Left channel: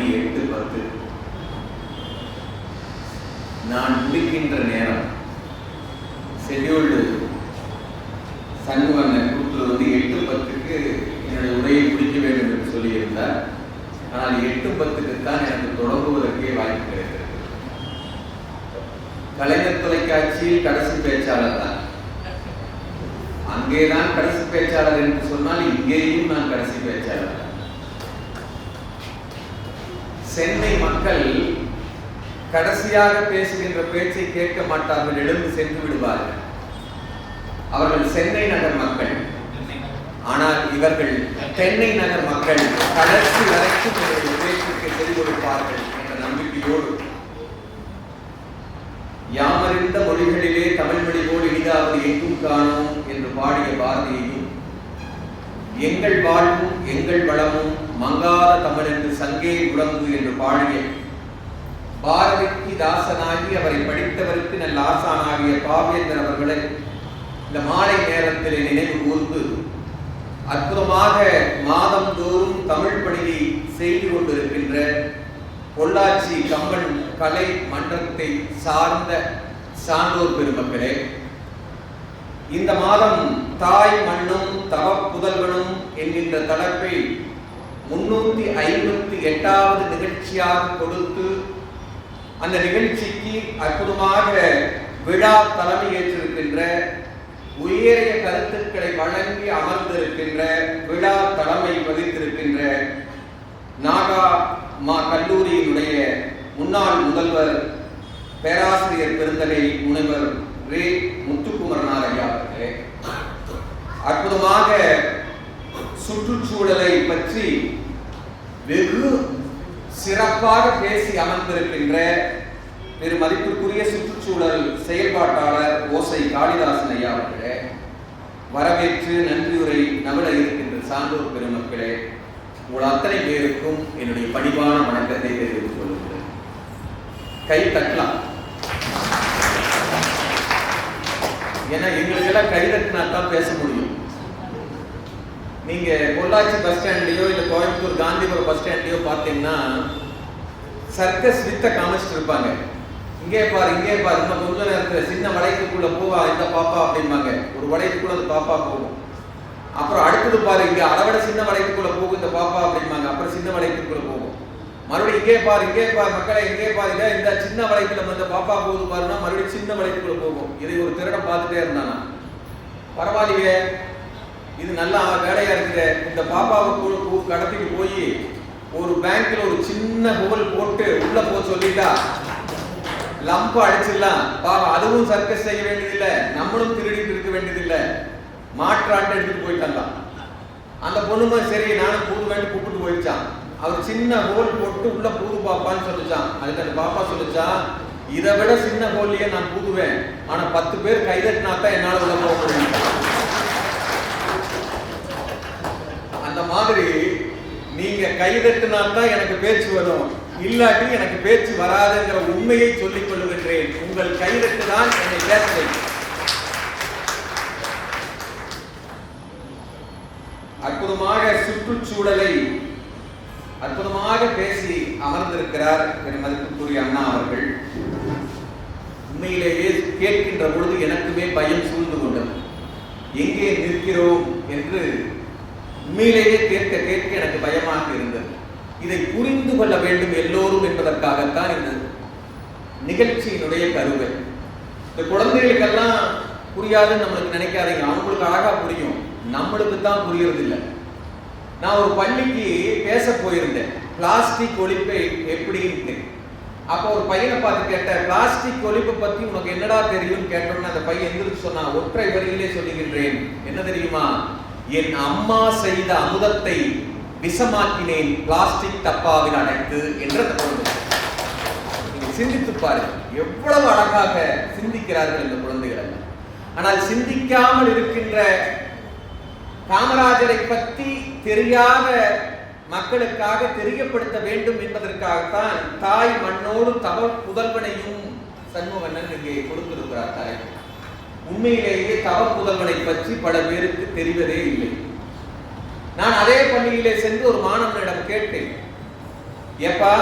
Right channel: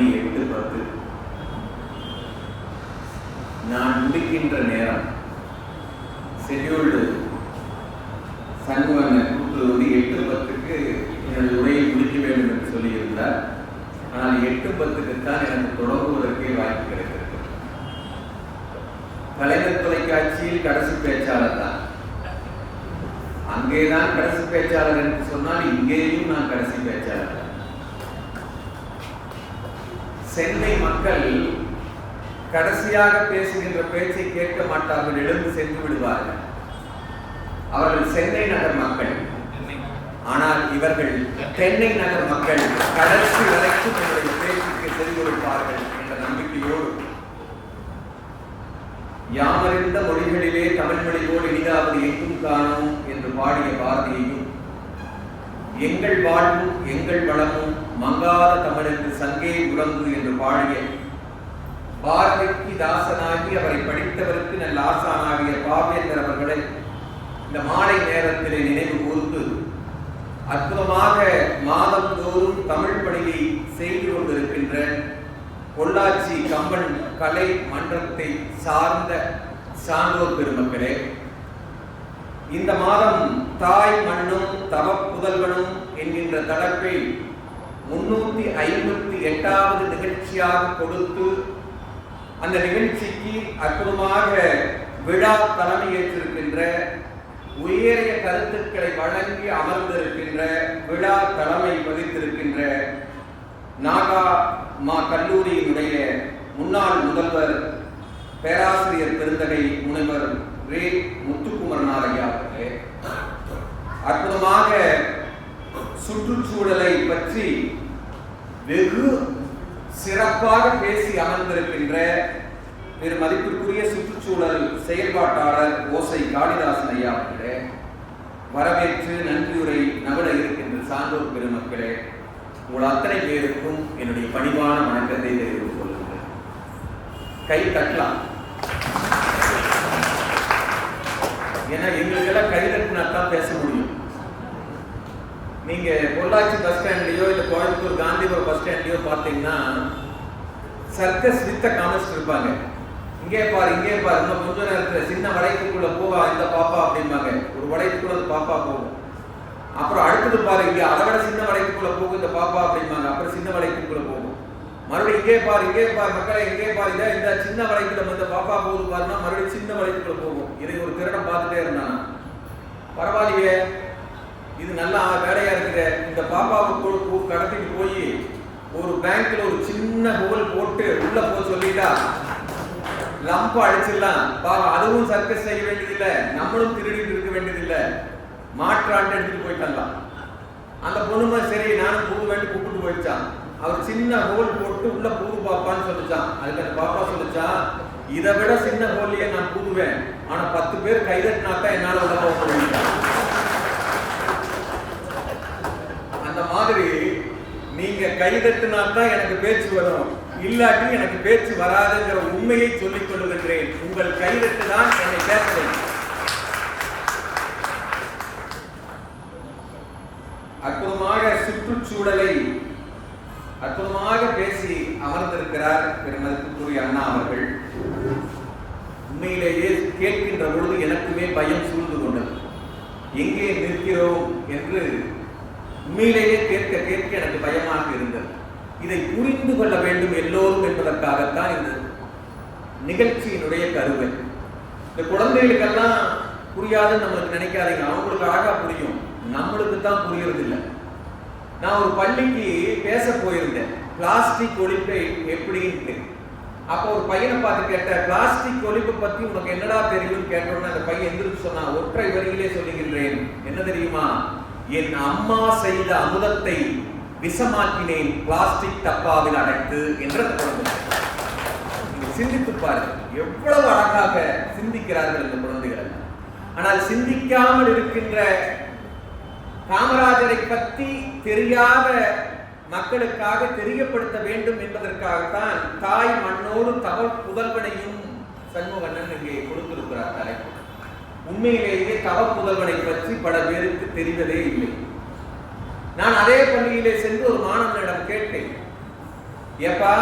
மணி 8:10. நான் முடிக்கின்ற நேரம் ஷெட்யூல்டு சண்முகன் கூட்டுல 8:10க்கு என்னுடைய உரையை முடிக்க வேண்டும் என்று சொல்லியிருந்தார். ஆனால் 8:10க்குத்தான் எனக்கு தொடங்குவதற்கே வாய்ப்பு கிடைக்கிறது. கலைஞர் தொலைக்காட்சியில் கடைசி பேச்சாளர் தான். அங்கேதான் கடைசி பேச்சாளர் என்று சொன்னால் இங்கேயும் நான் கடைசி பேச்சாளர் தான். சென்னை மக்கள் கடைசியாக பேசுகின்ற பேச்சை கேட்க மாட்டார்கள், எழுந்து சென்று விடுவார்கள். அவர்கள் சென்னை நகர் மக்கள். ஆனால் இவர்கள் தென்னை நகர் மக்கள் கடைசி வரைக்கும் என்னுடைய பேச்சுக்கு செவி கொடுப்பார்கள் என்ற நம்பிக்கையோடு, யாமறிந்த மொழிகளிலே தமிழ் மொழி போல் இனிதாவது எங்கும் காணோம் என்று பாடிய பாரதியையும், எங்கள் வாழ்வும் எங்கள் வளமும் மங்காத தமிழென்று சங்கே உலங்கு என்று பாடிய பாரதிக்கு தாசனாகி அவரை படித்தவருக்கு நல்ல ஆசானாகிய பாவேந்தர் அவர்களை இந்த மாலை நேரத்தில் நினைவு கூர்ந்து அற்புதமாக மாதந்தோறும் தமிழ் பணியை செய்து கொண்டிருக்கின்ற பொள்ளாச்சி கம்பன் கலை மன்றத்தை சார்ந்த சான்றோர் பெருமக்களே, இந்த மாதம் தாய் மண்ணும் தவ புதல்வனும் என்கின்ற தலைப்பில் 358வது நிகழ்ச்சியாக கொடுத்து அந்த நிகழ்ச்சிக்கு அற்புதமாக விழா தலைமை ஏற்றிருக்கின்ற, உயரிய கருத்துக்களை வழங்கி அமர்ந்திருக்கின்ற, விழா தலைமை வகித்திருக்கின்ற நாகா கல்லூரியினுடைய முன்னாள் முதல்வர் பேராசிரியர் பெருந்தகை முனைவர் ரே முத்துக்குமரனார் ஐயா அவர்களே, அற்புதமாக சுற்றுச்சூழலை பற்றி வெகு சிறப்பாக பேசி அமர்ந்திருக்கின்ற பெரு மதிப்பிற்குரிய சுற்றுச்சூழல் செயல்பாட்டாளர் ஓசை காளிதாசன் ஐயா அவர்களே, வரவேற்று நன்றியுரை நகர இருக்கின்ற சான்றோர் பெருமக்களே, உங்கள் அத்தனை பேருக்கும் என்னுடைய பணிவான வணக்கத்தை தெரிவித்துக் கொள்கிறேன். கை தட்டலாம். ஏன்னா எங்களுக்கெல்லாம் கை தட்டினா தான் பேச முடியும். நீங்க பொள்ளாச்சி பஸ் ஸ்டாண்ட்லயோ இல்ல கோயம்புத்தூர் காந்திபுரம் பஸ் ஸ்டாண்ட்லயோ பார்த்தீங்கன்னா சர்க்கஸ் வித்த காமிச்சிட்டு இருப்பாங்க. இங்கே பாரு இங்கே பாரு, இன்னும் கொஞ்ச நேரத்துல சின்ன வளைக்குள்ள போவா இந்த பாப்பா அப்படிம்பாங்க. ஒரு வளைக்குள்ள அந்த பாப்பா போகும். அப்புறம் அடுத்தது பாரு இங்க அதை விட சின்ன வளைக்குள்ள போகும் இந்த பாப்பா அப்படிம்பாங்க. அப்புறம் சின்ன வளைக்குள்ள போகும். மறுபடியும் இங்கே பாரு மக்களை இங்கே பாருங்க, இந்த சின்ன வளைக்குள்ள இந்த பாப்பா போகுது பாருன்னா மறுபடியும் சின்ன வளைக்குள்ள போகும். இதை ஒரு திருடம் பார்த்துட்டே இருந்தானா, பரவாயில்லையே இது நல்லா வேலையா இருக்குது, இந்த பாப்பாவை கடத்திட்டு போய் ஒரு பேங்க்ல ஒரு சின்ன ஹோல் போட்டு உள்ள போக சொல்லிட்டா லம்ப அடிச்சிடலாம். பாவம் அதுவும் சர்க்கஸ் செய்ய வேண்டியதில்லை, நம்மளும் திருடிட்டு இருக்க வேண்டியதில்லை, மாற்றாண்டு எடுத்துட்டு போயிட்டான். அந்த பொண்ணுமே சரி நானும் பூது வேண்டி கூப்பிட்டு போயிடுச்சான். அவர் சின்ன ஹோல் போட்டு உள்ள பூது பாப்பான்னு சொல்லிச்சான். அதுக்கு அந்த பாப்பா சொல்லிச்சான், இதை விட சின்ன ஹோல்லையே நான் பூதுவேன், ஆனா 10 பேர் கைதட்டினாத்தான் என்னால உள்ள போக முடியும். அந்த மாதிரி நீங்க கைதட்டினாத்தான் எனக்கு பேச்சு வரும், இல்லாட்டி எனக்கு பேச்சு வராதுங்கிற உண்மையை சொல்லிக் கொள்ளுகின்றேன். உங்கள் கைதட்டு தான் என்னை பேச வைக்கும். அற்புதமாக சுற்றுச்சூழலை அற்புதமாக பேசி அமர்ந்திருக்கிறார் மதிப்புக்குரிய அண்ணா அவர்கள். உண்மையிலேயே கேட்கின்ற பொழுது எனக்குமே பயம் சூழ்ந்து கொண்டது. எங்கே நிற்கிறோம் என்று உண்மையிலேயே கேட்க கேட்க எனக்கு பயமாக இருந்தது. இதை புரிந்து கொள்ள வேண்டும் எல்லோரும் என்பதற்காகத்தான் இந்த நிகழ்ச்சியினுடைய கருவை. இந்த குழந்தைகளுக்கெல்லாம் புரியாதுன்னு நம்மளுக்கு நினைக்காதீங்க, அவங்களுக்கு அழகா புரியும், நம்மளுக்கு தான் புரியறது இல்லை. நான் ஒரு பள்ளிக்கு பேச போயிருந்தேன், பிளாஸ்டிக் ஒழிப்பை எப்படின்னு. அப்போ ஒரு பையனை பார்த்து கேட்டேன், பிளாஸ்டிக் ஒழிப்பை பத்தி உனக்கு என்னடா தெரியும்னு கேட்டோம்னா அந்த பையன் எந்திரிச்சு சொன்னா, ஒற்றை வரியிலே சொல்லுகின்றேன், என்ன தெரியுமா, என் அம்மா செய்த அமுதத்தை விஷமாக்கினேன் பிளாஸ்டிக் டப்பாவில் அடைத்து என்ற குழந்தை. நீங்க சிந்தித்து பாருங்க, எவ்வளவு அழகாக சிந்திக்கிறார்கள் இந்த குழந்தைகள் எல்லாம். ஆனால் சிந்திக்காமல் இருக்கின்ற காமராஜரை பற்றி தெரியாத மக்களுக்காக தெரியப்படுத்த வேண்டும் என்பதற்காகத்தான் தாய் மண்ணோடு தவ புதல்வனையும் சண்முகண்ணன் இங்கே கொடுத்திருக்கிறார் தலைப்பு. உண்மையிலேயே தவ புதல்வனை பற்றி பல பேருக்கு தெரிவதே இல்லை. நான் அதே பள்ளியிலே சென்று ஒரு மாணவனிடம் கேட்டேன், ஏப்பா,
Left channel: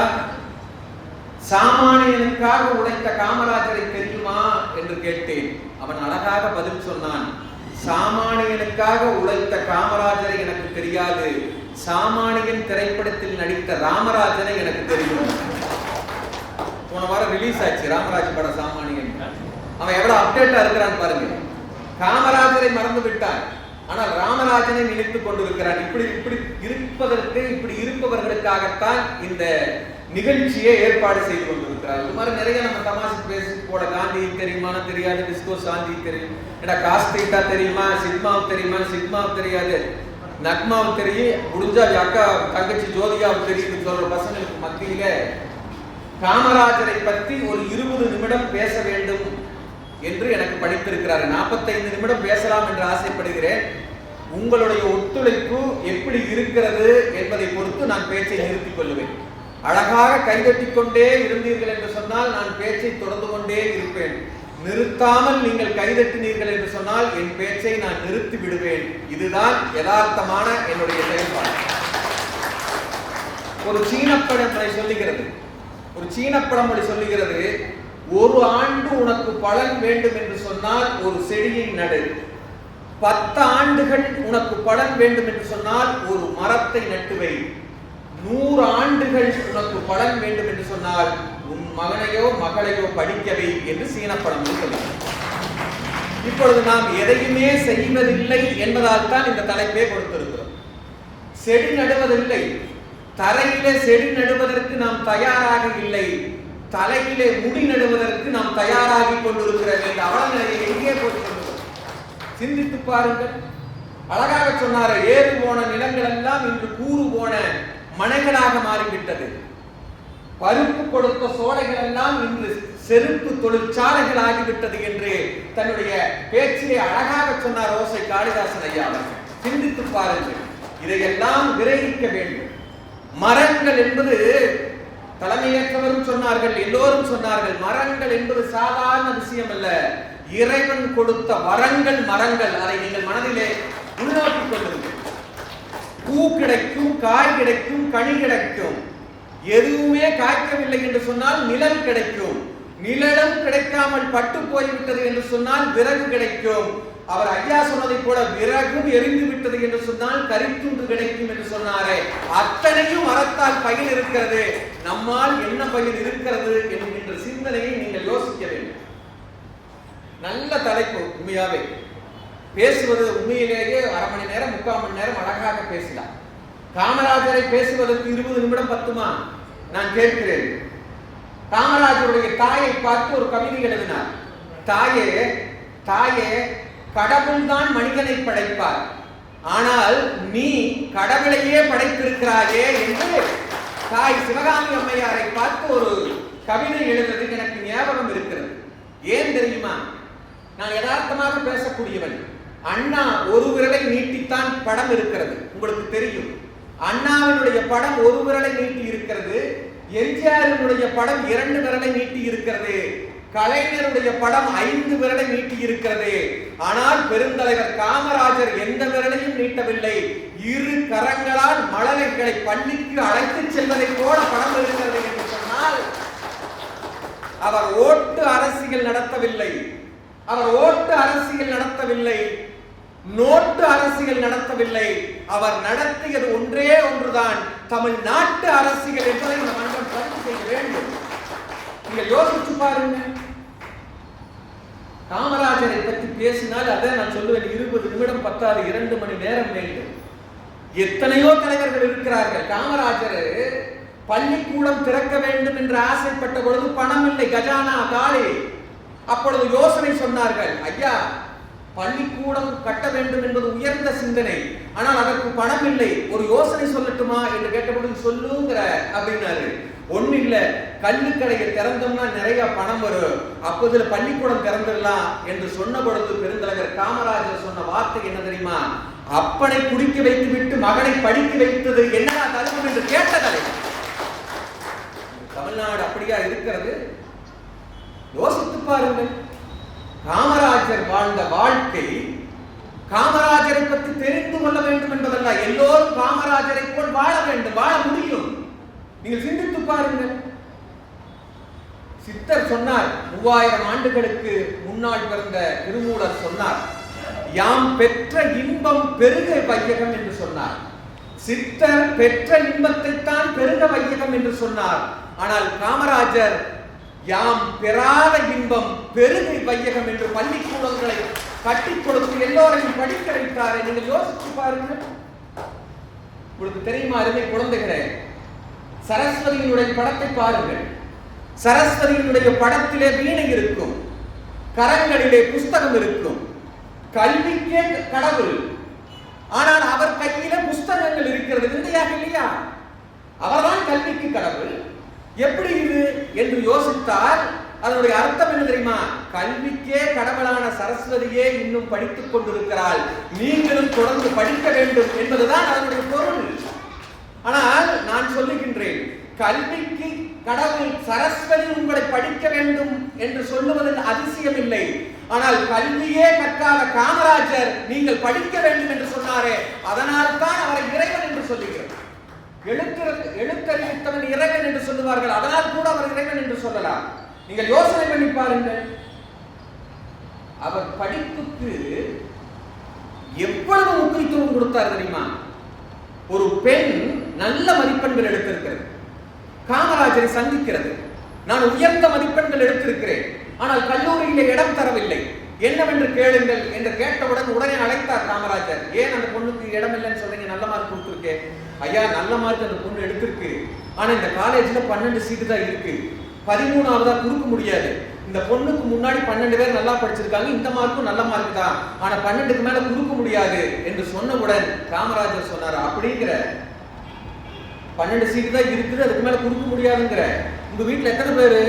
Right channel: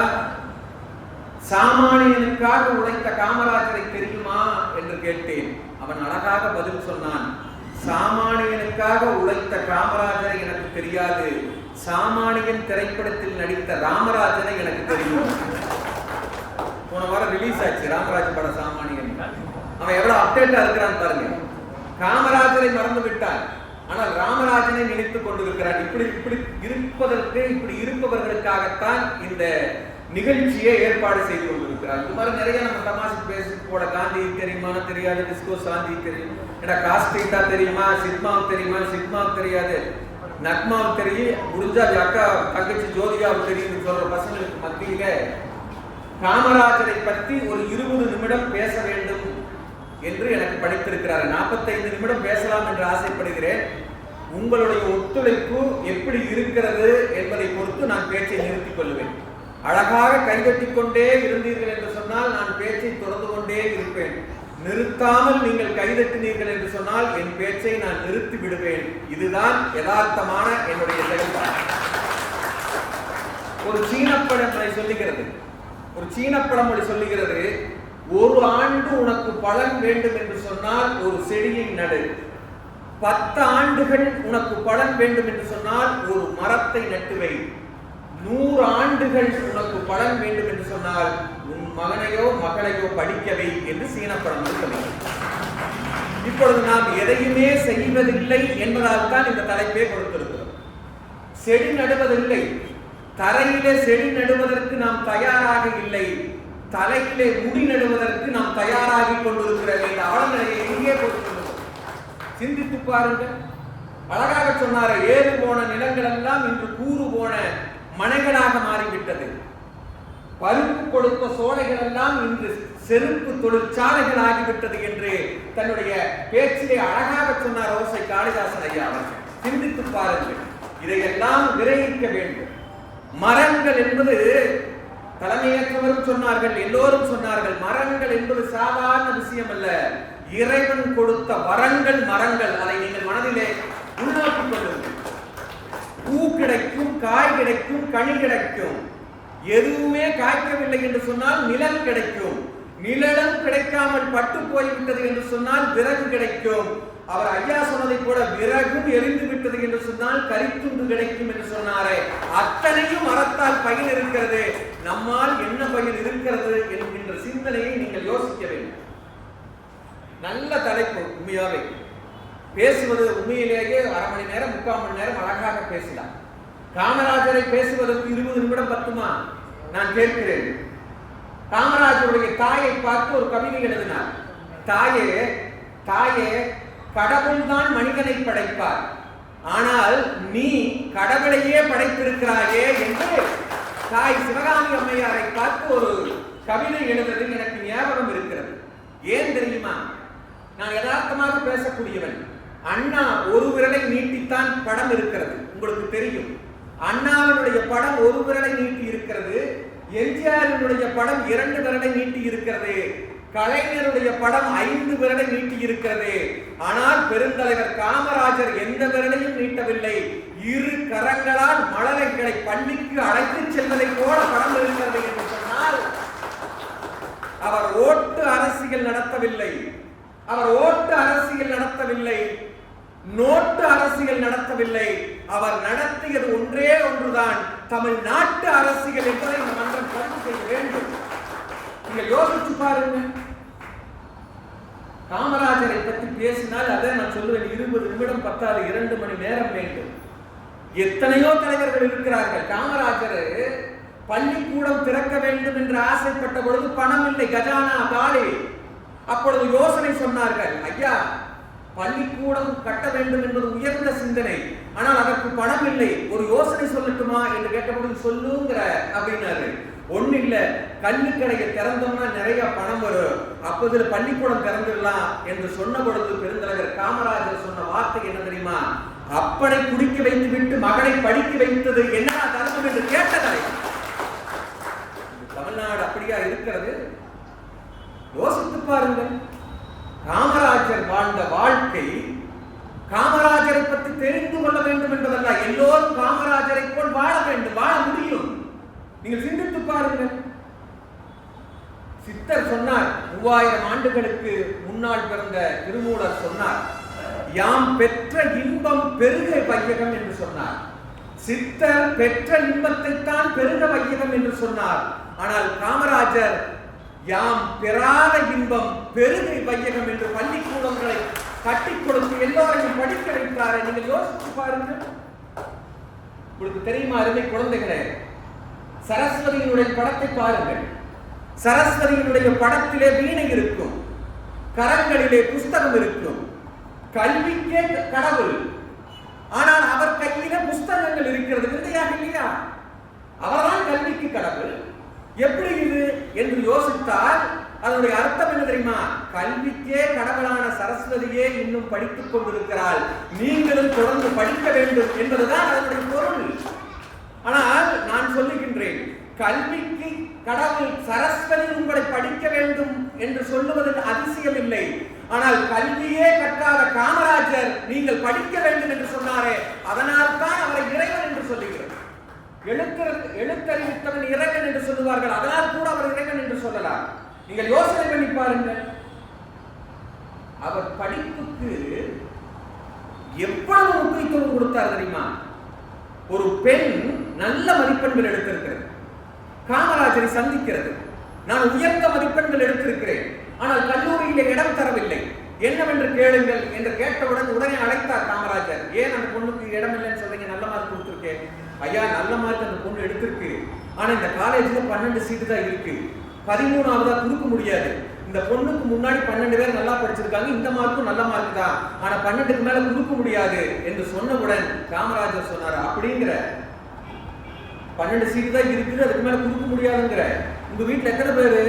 சாமானியனுக்காக உழைத்த காமராஜரை தெரியுமா என்று கேட்டேன். அவன் அழகாக பதில் சொன்னான், சாமானியனுக்காக உழைத்த காமராஜரை எனக்கு தெரியாது, சாமானியன் திரைப்படத்தில் நடித்த ராமராஜனை எனக்கு தெரியும். போன வாரம் ரிலீஸ் ஆச்சு ராமராஜ் படம் சாமானியன். அவன் எவ்வளவு அப்டேட்டா இருக்கிறான் பாருங்க. காமராஜரை மறந்து விட்டான், ஆனால் ராமராஜனை நினைத்துக் கொண்டிருக்கிறான். இப்படி இருப்பவர்களுக்காகத்தான் இந்த நிகழ்ச்சியை ஏற்பாடு செய்து கொண்டிருக்கிறார். இது மாதிரி நிறைய நம்ம தமாஷு பேசி போட, காந்தி தெரியுமா தெரியாது, டிஸ்கோ சாந்தி தெரியும், காஸ்டீட்டா தெரியுமா, சிக்மாவுக்கு தெரியுமா, சிக்மாவுக்கு தெரியாது, நக்மாவுக்கு தெரியும், முடிஞ்சா அக்கா தங்கச்சி ஜோதியாவுக்கு தெரியும் சொல்ற பசங்களுக்கு மத்தியில காமராஜரை பற்றி ஒரு 20 நிமிடம் பேச வேண்டும் என்று எனக்கு படித்திருக்கிறார். 45 நிமிடம் பேசலாம் என்று ஆசைப்படுகிறேன். உங்களுடைய ஒத்துழைப்பு எப்படி இருக்கிறது என்பதை பொறுத்து நான் பேச்சை நிறுத்திக் கொள்வேன். அழகாக கைதட்டிக் கொண்டே இருந்தீர்கள் என்று சொன்னால் நான் பேச்சை தொடர்ந்து கொண்டே இருப்பேன். நிறுத்தாமல் நீங்கள் கைதட்டினீர்கள் என்று சொன்னால் என் பேச்சை நான் நிறுத்தி விடுவேன். இதுதான் யதார்த்தமான என்னுடைய செயல்பாடு. ஒரு சீன பழமொழி சொல்லுகிறது, ஒரு ஆண்டு உனக்கு பலன் வேண்டும் என்று சொன்னால் ஒரு செடியை நடு, 10 ஆண்டுகள் உனக்கு பலன் வேண்டும் என்று சொன்னால் ஒரு மரத்தை நட்டுவை, 100 ஆண்டுகள் உனக்கு பலன் வேண்டும் என்று சொன்னால் உன் மகனையோ மகளையோ படிக்கவை என்று சீனப்படம் சொல்லுகிறது. இப்பொழுது நாம் எதையுமே செய்வதில்லை என்பதால் தான் இந்த தலைப்பை கொடுத்திருக்கிறோம். செடி நடுவதில்லை, தரையிலே செடி நடுவதற்கு நாம் தயாராக இல்லை, தலையிலே முடி நடுவதற்கு நாம் தயாராகி கொண்டிருக்கிறோம். இந்த அவலநிலையை எங்கே போட்டுக்கொண்டிருக்கிறோம்? சிந்தித்து பாருங்கள். அழகாக சொன்னார, ஏறு போன நிலங்கள் எல்லாம் இன்று கூறு போன மனைகளாக மாறிவிட்டது. பருப்பு கொடுத்த சோலைகள் எல்லாம் இன்று செருப்பு தொழிற்சாலைகள் ஆகிவிட்டது என்று தன்னுடைய பேச்சிலே அழகாக சொன்னார் ஓசை காளிதாசன் ஐயா அவர்கள். சிந்தித்து பாருங்கள். இதையெல்லாம் விரைவிக்க வேண்டும். மரங்கள் என்பது தலைமையேற்றவரும் சொன்னார்கள், எல்லோரும் சொன்னார்கள், மரங்கள் என்பது சாதாரண விஷயம் அல்ல, இறைவன் கொடுத்த வரங்கள் மரங்கள். அதை நீங்கள் மனதிலே உள்நோக்கிக் கொள்ளுங்கள். பூ கிடைக்கும், காய் கிடைக்கும், கனி கிடைக்கும். எதுவுமே காய்க்கவில்லை என்று சொன்னால் நிழல் கிடைக்கும். நிழலும் கிடைக்காமல் பட்டு போய்விட்டது என்று சொன்னால் விறகு கிடைக்கும். அவர் ஐயா சொன்னதை போல விறகும் எரிந்து விட்டது என்று சொன்னால் கரித்துண்டு கிடைக்கும் என்று சொன்னாரே, அத்தனையும் மரத்தால் பயிர் இருக்கிறது. நம்மால் என்ன பயிர் இருக்கிறது என்கின்ற சிந்தனையை நீங்கள் யோசிக்க வேண்டும். நல்ல தலைப்பு. உண்மையாவே பேசுவது உண்மையிலேயே 1/2 மணி நேரம் 3/4 மணி நேரம் அழகாக பேசலாம். காமராஜரை பேசுவதற்கு 20 நிமிடம் பத்துமா? நான் கேட்கிறேன். காமராஜருடைய தாயை பார்த்து ஒரு கவிதை எழுதினார். தாயே, கடவுள் தான் மனிதனை படைப்பார், ஆனால் நீ கடவுளையே படைத்திருக்கிறாயே என்று தாய் சிவகாமி அம்மையாரை பார்த்து ஒரு கவிதை எழுதுவது எனக்கு ஞாபகம் இருக்கிறது. ஏன் தெரியுமா? நான் யதார்த்தமாக பேசக்கூடியவன். அண்ணா ஒரு விரலை நீட்டித்தான் படம் இருக்கிறது, உங்களுக்கு தெரியும். அண்ணாவினுடைய படம் ஒரு விரலை நீட்டி இருக்கிறது, எம்ஜிஆரினுடைய படம் 2 விரலை நீட்டி இருக்கிறது, கலைஞருடைய படம் 5 விரலை நீட்டி இருக்கிறது. ஆனால் பெருந்தலைவர் காமராஜர் எந்த விரலையும் நீட்டவில்லை. 2 கரங்களால் மழலைகளை பள்ளிக்கு அழைத்து செல்வதை போல படம் இருக்கிறது என்று சொன்னால் அவர் ஓட்டு அரசியல் நடத்தவில்லை, நோட்டு அரசியல் நடத்தவில்லை. அவர் நடத்தியது ஒன்றே ஒன்றுதான், தமிழ்நாட்டு அரசியல் என்பதை இந்த மன்றம் பதிவு செய்ய வேண்டும். நீங்கள் யோசிச்சு பாருங்க. காமராஜரை பற்றி பேசினால் அதை நான் சொல்லுவேன், 20 நிமிடம் பத்தாது, 2 மணி நேரம் வேண்டும். எத்தனையோ தலைவர்கள் இருக்கிறார்கள். காமராஜர் பள்ளிக்கூடம் திறக்க வேண்டும் என்று ஆசைப்பட்ட பொழுது பணம் இல்லை, கஜானா காலி. அப்பொழுது யோசனை சொன்னார்கள், ஐயா பள்ளிக்கூடம் கட்ட வேண்டும் என்பது உயர்ந்த சிந்தனை, ஆனால் அதற்கு பணம் இல்லை, ஒரு யோசனை சொல்லட்டுமா என்று கேட்டபொழுது சொல்லுங்கிற அப்படின்னாரு. ஒண்ணு இல்ல, கல்விக்கடையை திறந்தோம்னா நிறைய பணம் வரும், அப்போது பள்ளிக்கூடம் திறந்துடலாம் என்று சொன்ன பொழுது பெருந்தலைவர் காமராஜர் சொன்ன வார்த்தை என்ன தெரியுமா? அப்பனை குடிக்க வைத்து விட்டு மகனை படிக்க வைத்தது என்னடா தர்மம் என்று கேட்ட தலைவர். தமிழ்நாடு அப்படியா இருக்கிறது? யோசித்து பாருங்கள். காமராஜர் வாழ்ந்த வாழ்க்கை, காமராஜரை பற்றி தெரிந்து கொள்ள வேண்டும் என்பதல்ல, எல்லோரும் காமராஜரை போல் வாழ வேண்டும், வாழ முடியும். நீங்கள் சிந்தித்து பாருங்கள். சித்தர் சொன்னார், 3000 ஆண்டுகளுக்கு முன்னால் பிறந்த திருமூலர் சொன்னார், யாம் பெற்ற இன்பம் பெருக வையகம் என்று சொன்னார். சித்தர் பெற்ற இன்பத்தை தான் பெருக வையகம் என்று சொன்னார். ஆனால் காமராஜர் யாம் பெறாத இன்பம் பெருகை வையகம் என்று பள்ளிக்கூடங்களை கட்டி கொடுத்து எல்லோரையும் படிக்க வைத்தாரே. நீங்கள் யோசித்து பாருங்கள். உங்களுக்கு தெரியுமா அருமை குழந்தைகளே, சரஸ்வதியினுடைய படத்தை பாருங்கள். சரஸ்வதியினுடைய படத்திலே வீணை இருக்கும், கரங்களிலே புஸ்தகம் இருக்கும். கல்விக்கே கடவுள், ஆனால் அவர் கையில புஸ்தகங்கள் இருக்கிறது. விந்தையாக இல்லையா? அவர்தான் கல்விக்கு கடவுள். எப்படி இது என்று யோசித்தால் அதனுடைய அர்த்தம் என்ன தெரியுமா? கல்விக்கே கடவுளான சரஸ்வதியே இன்னும் படித்துக் கொண்டிருக்கிறாள், நீங்களும் தொடர்ந்து படிக்க வேண்டும் என்பதுதான் அதனுடைய பொருள். ஆனால் நான் சொல்லுகின்றேன், கல்விக்கு கடவுள் சரஸ்வதி உங்களை படிக்க வேண்டும் என்று சொல்லுவதில் அதிசயம் இல்லை. ஆனால் கல்வியே கற்காத காமராஜர் நீங்கள் படிக்க வேண்டும் என்று சொன்னாரே, அதனால் தான் அவரை இறைவன் என்று சொல்லுகிறோம். எழுத்தறிவித்தவன் இறைவன் என்று சொல்லுவார்கள், அதனால் கூட அவர் இறைவன் என்று சொல்லலாம். நீங்கள் யோசனை பண்ணி பாருங்கள். அவர் படிப்புக்கு எவ்வளவு முக்கியத்துவம் கொடுத்தார் தெரியுமா? ஒரு பெண் நல்ல மதிப்பெண்கள் எடுத்திருக்கிறது, காமராஜரை சந்திக்கிறது. நான் உயர்ந்த மதிப்பெண்கள் எடுத்திருக்கிறேன், ஆனால் கல்லூரியிலே இடம் தரவில்லை, என்னவென்று கேளுங்கள் என்று கேட்டவுடன் உடனே அழைத்தார் காமராஜர். ஏன் அந்த பொண்ணுக்கு இடம் இல்லைன்னு சொல்றீங்க? நல்ல மார்க் கொடுத்துருக்கேன். ஐயா, நல்ல மார்க் அந்த பொண்ணு எடுத்திருக்கு, ஆனா இந்த காலேஜ்ல 12 சீட்டு தான் இருக்கு, 13ஆவதா கொடுக்க முடியாது. இந்த பொண்ணுக்கு முன்னாடி 12 பேர் நல்லா படிச்சிருக்காங்க, இந்த மார்க்கும் நல்ல மார்க் தான், ஆனா 12க்கு மேல கொடுக்க முடியாது என்று சொன்னவுடன் காமராஜர் சொன்னார், அப்படிங்கிற 12 சீட்டு தான் இருக்குது, அதுக்கு மேல கொடுக்க முடியாதுங்கிற. உங்க வீட்டுல எத்தனை பேரு?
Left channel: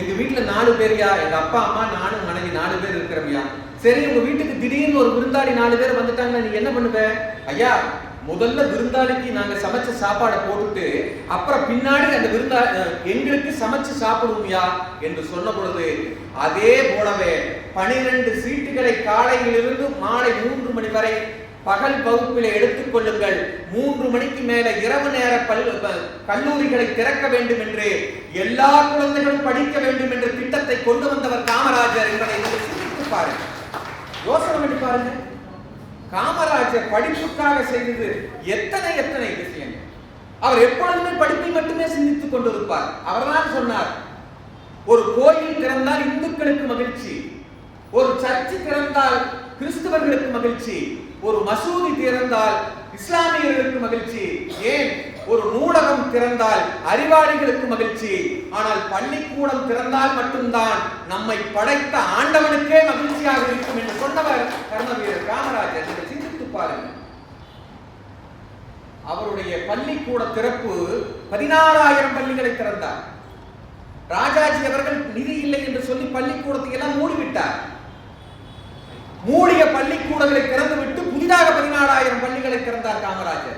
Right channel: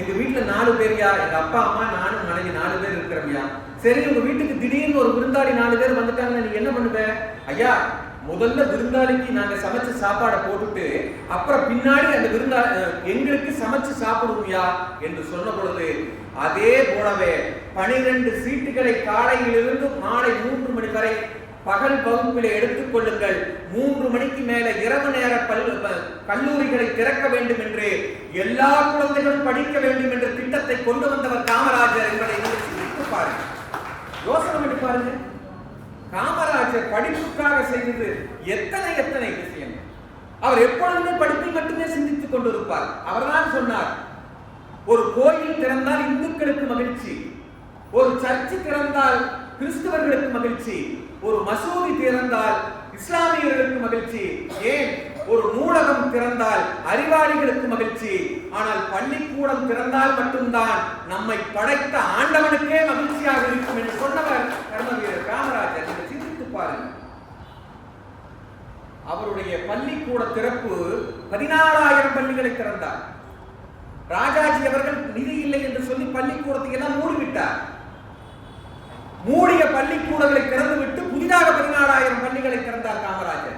எங்க வீட்டுல 4 பேரியா, எங்க அப்பா அம்மா நானும் மனைவி 4 பேர் இருக்கிறவியா. சரி, உங்க வீட்டுக்கு திடீர்னு ஒரு விருந்தாளி 4 பேர் வந்துட்டாங்கன்னா நீங்க என்ன பண்ணுவ? ஐயா, முதல்ல விருந்தாளிக்கு நாங்க சமைச்ச சாப்பாடை போட்டுட்டு அப்புறம் பின்னாடி அந்த எங்களுக்கு சமைச்சு சாப்பிடுவோம்யா என்று சொன்ன பொழுது, அதே போலவே 12 சீட்டுகளை காலையிலிருந்து மாலை 3 மணி வரை பகல் வகுப்பிலே எடுத்துக் கொள்ளுங்கள், 3 மணிக்கு மேல இரவு நேர கல்லூரிகளை திறக்க வேண்டும் என்று, எல்லா குழந்தைகளும் படிக்க வேண்டும் என்ற திட்டத்தை கொண்டு வந்தவர் காமராஜர் என்பதை சிந்தித்து பாருங்க, யோசனை பண்ணி பாருங்க. காமராஜர் படிப்புக்காக செய்தது எத்தனை எத்தனை விஷயங்கள். அவர் எப்பொழுதுமே படிப்பை மட்டுமே சிந்தித்துக் கொண்டிருப்பார். அவர்தான் சொன்னார், ஒரு கோயில் திறந்தால் இந்துக்களுக்கு மகிழ்ச்சி, ஒரு சர்ச்சு திறந்தால் கிறிஸ்தவர்களுக்கு மகிழ்ச்சி, ஒரு மசூதி திறந்தால் இஸ்லாமியர்களுக்கு மகிழ்ச்சி, ஏன் ஒரு நூலகம் திறந்தால் அறிவாளிகளுக்கு மகிழ்ச்சி, ஆனால் பள்ளிக்கூடம் திறந்தால் மட்டும்தான் நம்மை படைத்த ஆண்டவனுக்கே மகிழ்ச்சியாக இருக்கும் என்று சொன்னவர் கர்மவீரர் காமராஜர். நீங்கள் சிந்தித்து பாருங்கள். அவருடைய பள்ளிக்கூட திறப்பு 14,000 பள்ளிகளை திறந்தார். ராஜாஜி அவர்கள் நிதி இல்லை என்று சொல்லி பள்ளிக்கூடத்தை எல்லாம் மூடிவிட்டார். மூடிய பள்ளிக்கூடங்களை திறந்துவிட்டு புதிதாக 14,000 பள்ளிகளை திறந்தார் காமராஜர்.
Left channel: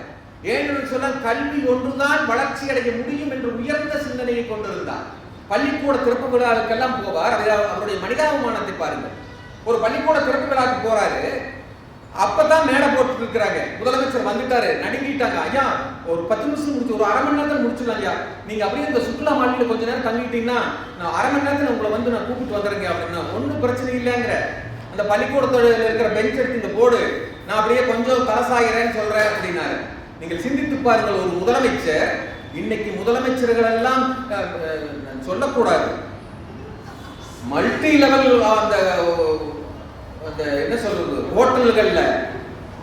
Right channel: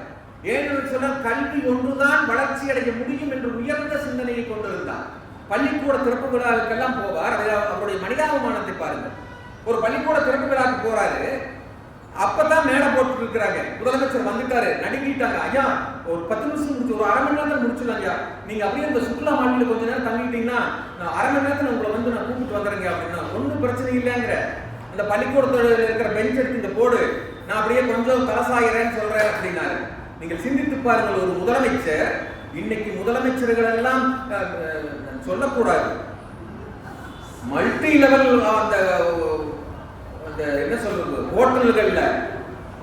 ஏனென்று சொன்னால் கல்வி ஒன்றுதான் வளர்ச்சி அடைய முடியும் என்று உயர்ந்த சிந்தனையை கொண்டிருந்தார். பள்ளிக்கூட திறப்பு விழாவுக்கெல்லாம் போவார். அவருடைய மனிதாபிமானத்தை பாருங்கள். ஒரு பள்ளிக்கூட திறப்பு விழாவுக்கு போறாரு, அப்பதான் மேடை போட்டு இருக்கிறாங்க. முதலமைச்சர் வந்துட்டாரு, நடுங்கிட்டாங்க. ஐயா, ஒரு 10 நிமிஷம் முடிச்சு, ஒரு அரை மணி நேரத்தில் முடிச்சிடலாம் ஐயா, நீங்க அப்படியே இந்த சுற்றுலா மாநில கொஞ்ச நேரம் தங்கிட்டீங்கன்னா நான் அரை மணி நேரத்தில் உங்களை வந்து நான் கூப்பிட்டு வந்துடுறேங்க அப்படின்னா, ஒன்றும் பிரச்சனை இல்லைங்கிற. அந்த பள்ளிக்கூடத்தோட இருக்கிற பெஞ்ச் எடுத்து இந்த போர்டு நான் அப்படியே கொஞ்சம் தலசாகிறேன்னு சொல்றேன் அப்படின்னாரு. நீங்கள் சிந்தித்து பாருங்கள், ஒரு முதலமைச்சர், இன்னைக்கு முதலமைச்சர்கள் எல்லாம் சொல்லக்கூடாது, மல்டி லெவல் அந்த என்ன சொல்றது ஹோட்டல்கள்ல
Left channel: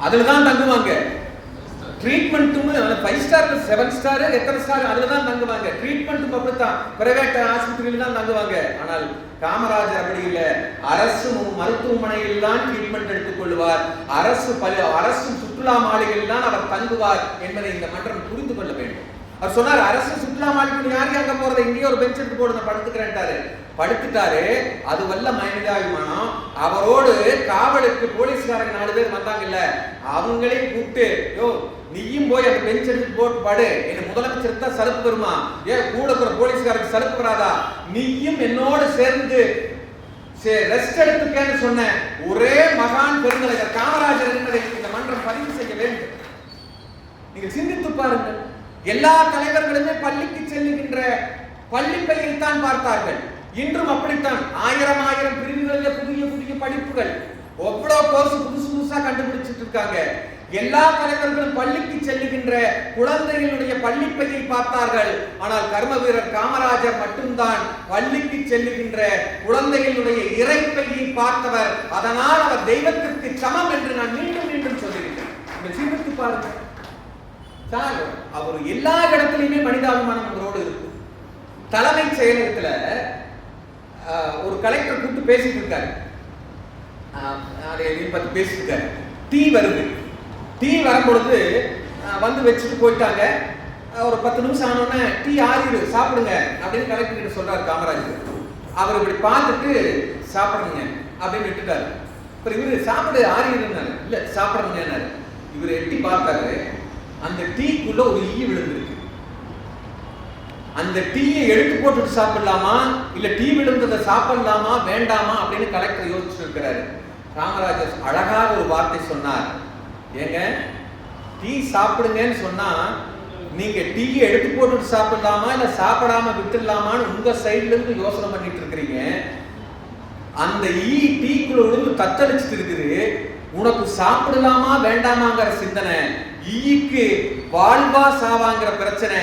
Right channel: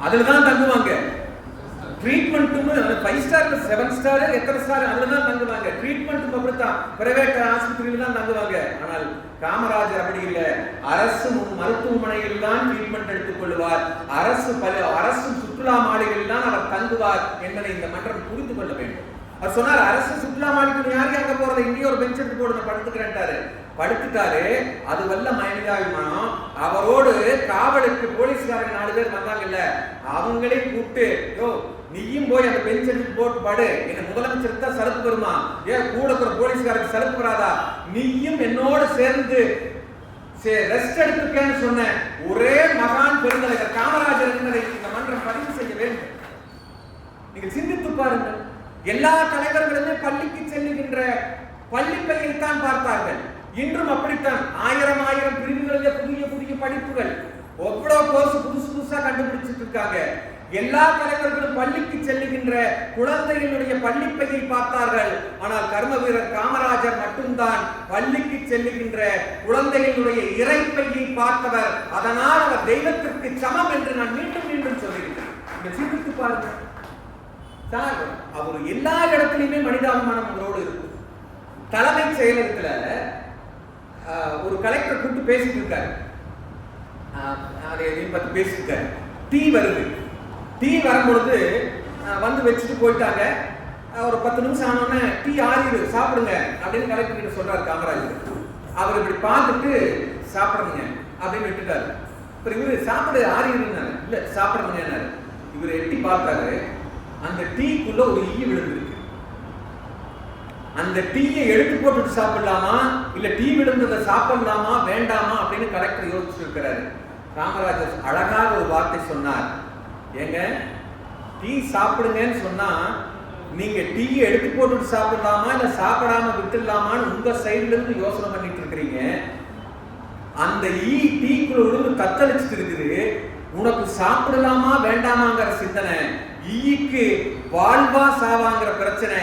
அதுலதான் தங்குவாங்க. ட்ரீட்மெண்ட்டும் 5 ஸ்டார் 7 ஸ்டார் எத்தனை ஸ்டார் அதுலதான் தங்குவாங்க. ட்ரீட்மெண்ட்டும் அப்படித்தான் பிரைவேட் ஆஸ்பத்திரியில தான் தங்குவாங்க. ஆனால் காமராஜர் அப்படி இல்லை, அரசு மருத்துவமனையில் தான் ட்ரீட்மெண்ட் எடுத்துக் கொள்வார், அரசு சுற்றுலா மாளிகையில் தான் அவர் தங்குவார் என்பதை இந்த மன்றம் புரிந்து கொள்ள வேண்டும். அவர் சொன்னார், அரசு சுற்றுலா மாளிகை யாருக்கு அங்க போறது, இங்கேயே ஒரு பெஞ்ச் எடுத்து போடுங்க படுத்துக்கிறேன்ட்டாரு. படுத்துட்டாரு. அது வல்ல மனிதாபிமானம். அவரோடு காவலுக்கு போலீஸ்காரங்க 4 பேர் வந்தாங்கல்ல, அவங்களே கூப்பிட்டு, யோ நீயும் போய் அந்த பெஞ்ச் எடுத்து போட்டு படு, என்ன முதலமைச்சருக்கு தான் சலுப்பு வருமா, ஏன் கூட இருக்கிற போலீஸ்காரருக்கு சலுப்பு வராதா, நீயும் என்னோடு சேர்ந்து ரெஸ்ட் எடுத்துக்கன்னு சொன்ன ஒரே மகான் பெருந்தலைவர் காமராஜர் என்பதை இந்த மன்றம் பதிவு செய்ய வேண்டும். நீங்கள் சிந்தித்து பாருங்கள். எல்லா தலைவர்களுமே பள்ளிக்கு செல்லுகின்ற பள்ளிப்பையைத்தான் பார்த்தார்கள். இன்றும் அப்படித்தான். ஆயிரம் பிரிவுகளில் புதிய புதிய படிப்புகள், எவ்வளவு கோர்ஸ் புதுசு புதுசா கண்டுபிடிச்சிட்டு இருக்காங்க. எல்லா தலைவர்களும் பள்ளிக்கு செல்லுகின்ற குழந்தைகளுடைய பள்ளிப்பையை பார்த்தார்கள். ஆனால் கர்ம வீரர் காமராஜர் மட்டும்தான் பள்ளிக்கு செல்லுகின்ற குழந்தைகளுடைய இறைப்பையை பார்த்தவர். அதனால் அவர் தெய்வத்திற்கு சமம் என்று நான் மீண்டும் மீண்டும் சொல்லுகிறேன். சிந்தித்து பாருங்க சார், அவர் எல்லா இடத்திலுமே மனிதாபிமானம் அவரோடு இருக்கு. தலைமைச் செயலகத்துல ஒரு கலெக்டர் கூப்பிட்டு பேசிட்டு இருக்காரு. பத்தி பேசிட்டு இருக்காரு. டீ வருது. டீ வரும்பொழுது வந்து வச்சுட்டு போயிட்டாங்க. ஒரு 10 நிமிஷம் ஆனோடனே டீ ஆறிடு, சாப்பிடுங்க அப்படின்னு கலெக்டர் கிட்ட சொல்றாரு காமராஜர். அவர் இப்படி பார்த்துட்டு சாப்பிடுங்க அப்படின்னு விட்டுட்டாரு. அப்புறம் இவரு சாப்பிடு ஆறிடுனாரு. இல்ல சாப்பிடுங்க. இவர் எட்டி பார்த்தாரு. அந்த டீக்குள்ள ஒரு ஈ விழுந்திருக்கு. அந்த டீயை எடுத்து போட்டுட்டு சாப்பிடலாமா இல்ல டீ விழுந்ததை சாப்பிடலாமா வேண்டாமா அப்படின்னு கலெக்டர் யோசிச்சு இருக்கிறாரு. காமராஜர் அழகாக ஒரு வார்த்தை சொன்னார். ஏங்க, டீ சாப்பிடுங்கன்னு சொன்னா நீங்க டீயை எடுத்து போட்டுட்டு சாப்பிடலாமா இல்ல சாப்பிடாம விட்டுடலாமான்னு உங்க சைட்ல இருந்து யோசனை பண்ணிட்டு இருக்கிறீங்க. அந்த ஈ டீக்குள்ள விழுந்து தத்தளிச்சுட்டு இருக்குது. உனக்கு சாப்பிடலாமா வேண்டாமாங்கிற சிந்தனை, ஈக்கு வாழ்வா சாவாங்கிற பிரச்சனை,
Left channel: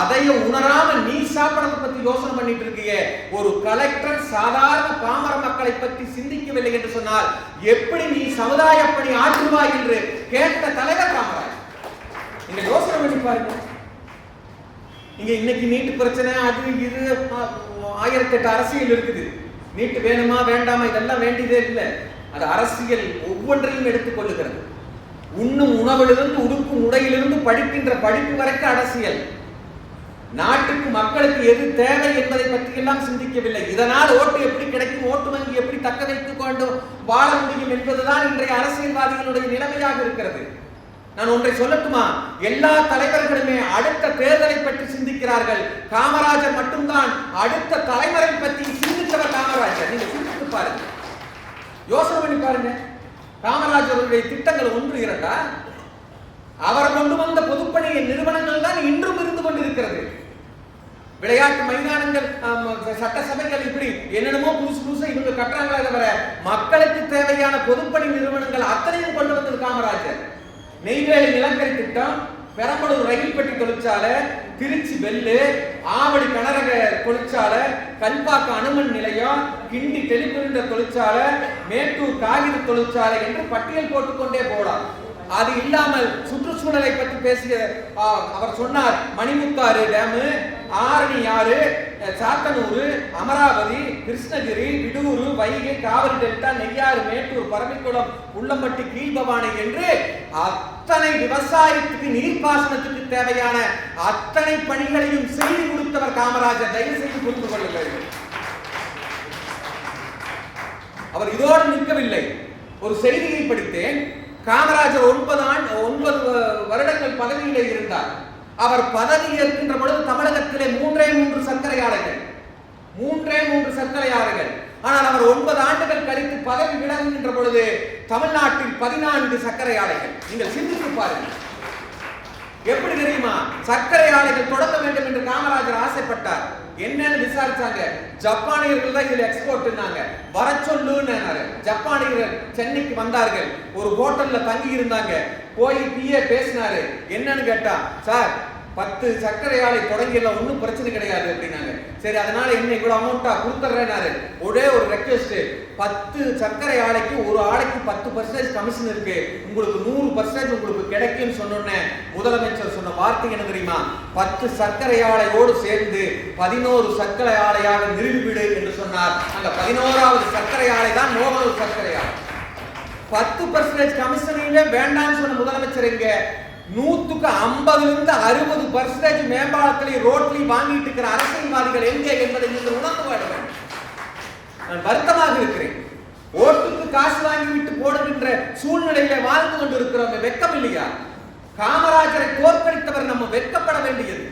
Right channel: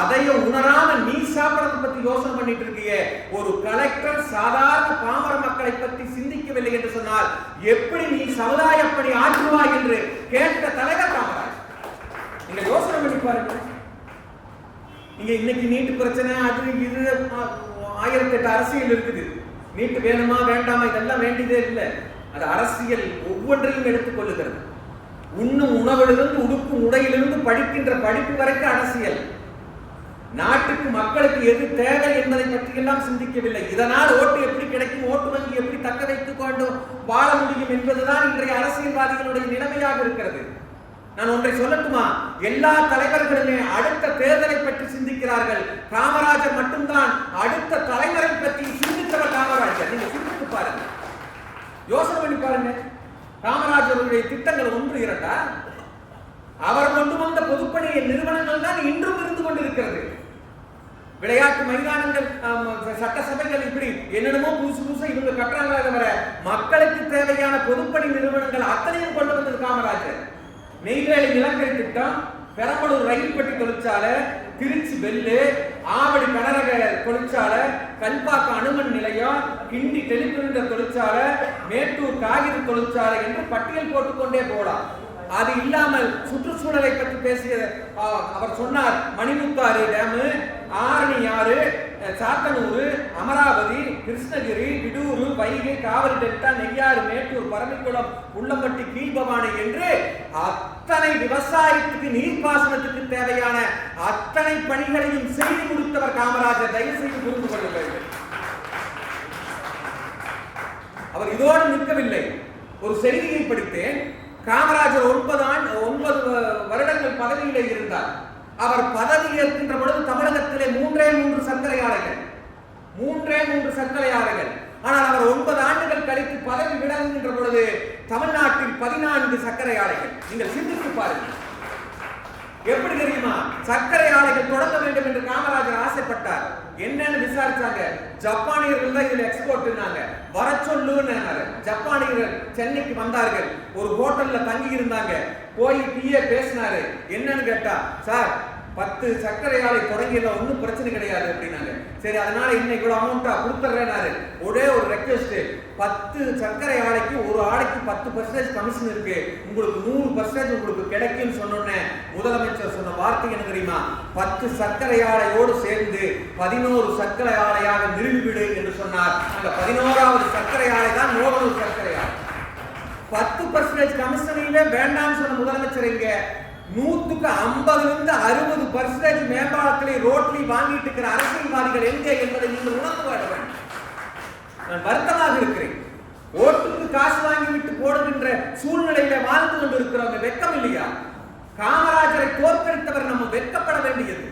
அதையும் உணராம நீ சாப்பிடறத பத்தி யோசனை பண்ணிட்டு இருக்கிய. ஒரு கலெக்டர் சாதாரண பாமர மக்களை பற்றி சிந்திக்கவில்லை என்று சொன்னால் எப்படி நீ சமுதாய பணி ஆற்றுவாய் என்று கேட்ட தலைவர் காமராஜ். நீங்க யோசனை பண்ணி பாருங்க. நீங்க இன்னைக்கு நீட்டு பிரச்சனை, அது இது 1008 அரசியல் இருக்குது. நீட்டு வேணுமா வேண்டாமா இதெல்லாம் வேண்டியதே இல்லை. அது அரசியல் ஒவ்வொன்றையும் எடுத்துக் கொள்ளுகிறது. உண்ணும் உணவிலிருந்து உடுக்கும் உடையிலிருந்து படிக்கின்ற படிப்பு வரைக்கும் அரசியல். நாட்டுக்கு மக்களுக்கு எது தேவை என்பதை பற்றி எல்லாம் சிந்திக்கவில்லை. இதனால் ஓட்டு எப்படி கிடைக்கும், ஓட்டு வங்கி எப்படி தக்க வைத்துக் கொண்டு வாழ முடியும் என்பதுதான் இன்றைய அரசியல்வாதிகளுடைய நிலைமையாக இருக்கிறது. நான் ஒன்றை சொல்லட்டுமா? எல்லா தலைவர்களுமே அடுத்த தேர்தலை பற்றி சிந்திக்கிறார்கள். காமராஜர் மட்டும்தான் அடுத்த தலைமுறை பற்றி சிந்தித்தவர் காமராஜர். நீங்க சிந்தித்து பாருங்க, யோசனை பண்ணி பாருங்க. காமராஜருடைய திட்டங்கள் 1 2 அவர் கொண்டு வந்த பொதுப்பணி நிறுவனங்கள் தான் இன்றும் இருந்து கொண்டிருக்கிறது. விளையாட்டு மைதானங்கள், சட்டசபைகள், இப்படி என்னென்னமோ புதுசா இவங்க கட்டுறாங்களே தவிர மக்களுக்கு தேவையான பொதுப்பணி நிறுவனங்கள் அத்தனையும் கொண்டு வந்தது காமராஜர். நெய்வேலி நிலக்கரி திட்டம், பெரம்பலூர் ரயில் பெட்டி தொழிற்சாலை, திருச்சி பெல்லு, ஆவடி கனரக தொழிற்சாலை, கல்பாக்கம் அணுமன் நிலையம், கிண்டி டெலிபிரிண்டர் தொழிற்சாலை, மேட்டூர் காகித தொழிற்சாலை என்று பட்டியல் போட்டுக்கொண்டே போகலாம். அது இல்லாமல் சுற்றுச்சூழலை பற்றி பேசிய அவர் சொன்னார். மணிமுத்தாறு டேமு, ஆரணி ஆறு, சாத்தனூர், அமராவதி, கிருஷ்ணகிரி, விடூரு, வைகை, காவிரி டெல்டா, நெய்யாறு, மேட்டூர், பரமக்குளம், உள்ளம்பட்டி, கீழ்பவானி என்று அத்தனை விவசாயத்துக்கு நீர்ப்பாசனத்துக்கு தேவையான அத்தனை பணிகளையும் செய்து கொடுத்தவர் காமராஜர். தயவு செய்து புரிந்து கொள்ளுங்கள். அவர் இதோடு நிற்கவில்லை. ஒரு செய்தியை படித்தேன். காமராஜர் 9 வருடங்கள் பதவியிலே இருந்தார். அவர் பதவி ஏற்கின்ற பொழுது தமிழகத்திலே 3 சர்க்கரை ஆலைகள். ஆனால் அவர் 9 ஆண்டுகள் கழித்து பதவி விலகுகின்ற பொழுது தமிழ்நாட்டில் 14 சர்க்கரை ஆலைகள். நீங்கள் சிந்தித்து பாருங்கள். எப்படி தெரியுமா? சர்க்கரை ஆலைகள் தொடங்க வேண்டும் என்று காமராஜர் ஆசைப்பட்டார். என்னன்னு விசாரிச்சாங்க. ஜப்பானியர்கள் தான் இதுல எக்ஸ்போர்ட்னாங்க. வர சொல்லுன்னாரு. ஜப்பானியர்கள் சென்னைக்கு வந்தார்கள். ஒரு ஹோட்டல்ல தங்கி இருந்தாங்க. போய் பிஏ பேசினாரு. என்னன்னு கேட்டா, சார் 10 சர்க்கரை ஆலை தொடங்கிடலாம், ஒன்றும் பிரச்சனை கிடையாது அப்படின்னாங்க. சரி, அதனால என்ன இவ்வளவு அமௌண்டா கொடுத்துறேன்னாரு. ஒரே ஒரு ரெக்வெஸ்ட், 10 சர்க்கரை ஆலைக்கு ஒரு ஆலைக்கு 10% கமிஷன் இருக்கு, உங்களுக்கு 100% உங்களுக்கு கிடைக்கும் சொன்னோன்னே முதலமைச்சர் சொன்ன வார்த்தை என்ன தெரியுமா? 10 சர்க்கரை ஆலையோடு சேர்ந்து 11 சர்க்கரை ஆலையாக நிறுவிவிடு என்று சொன்னார். அந்த 11வது சர்க்கரை ஆலை தான் நோவலூர் சர்க்கரை ஆலை. 10% கமிஷனிலே வேண்டாம்னு சொன்ன முதலமைச்சர் இங்க 150 60% மேம்பாலத்திலே ரோட்லி வாங்கிட்டு இருக்கிற அரசியல்வாதிகள் எங்கே என்பதை நீங்கள் உணர்ந்து வாடுவேன். நான் வருத்தமாக இருக்கிறேன். ஓட்டுக்கு காசு வாங்கி விட்டு போடுகின்ற சூழ்நிலையில வாழ்ந்து கொண்டு இருக்கிறவங்க வெட்கம் இல்லையா? காமராஜரை தோற்கடித்தவர் நம்ம வெட்கப்பட வேண்டியது.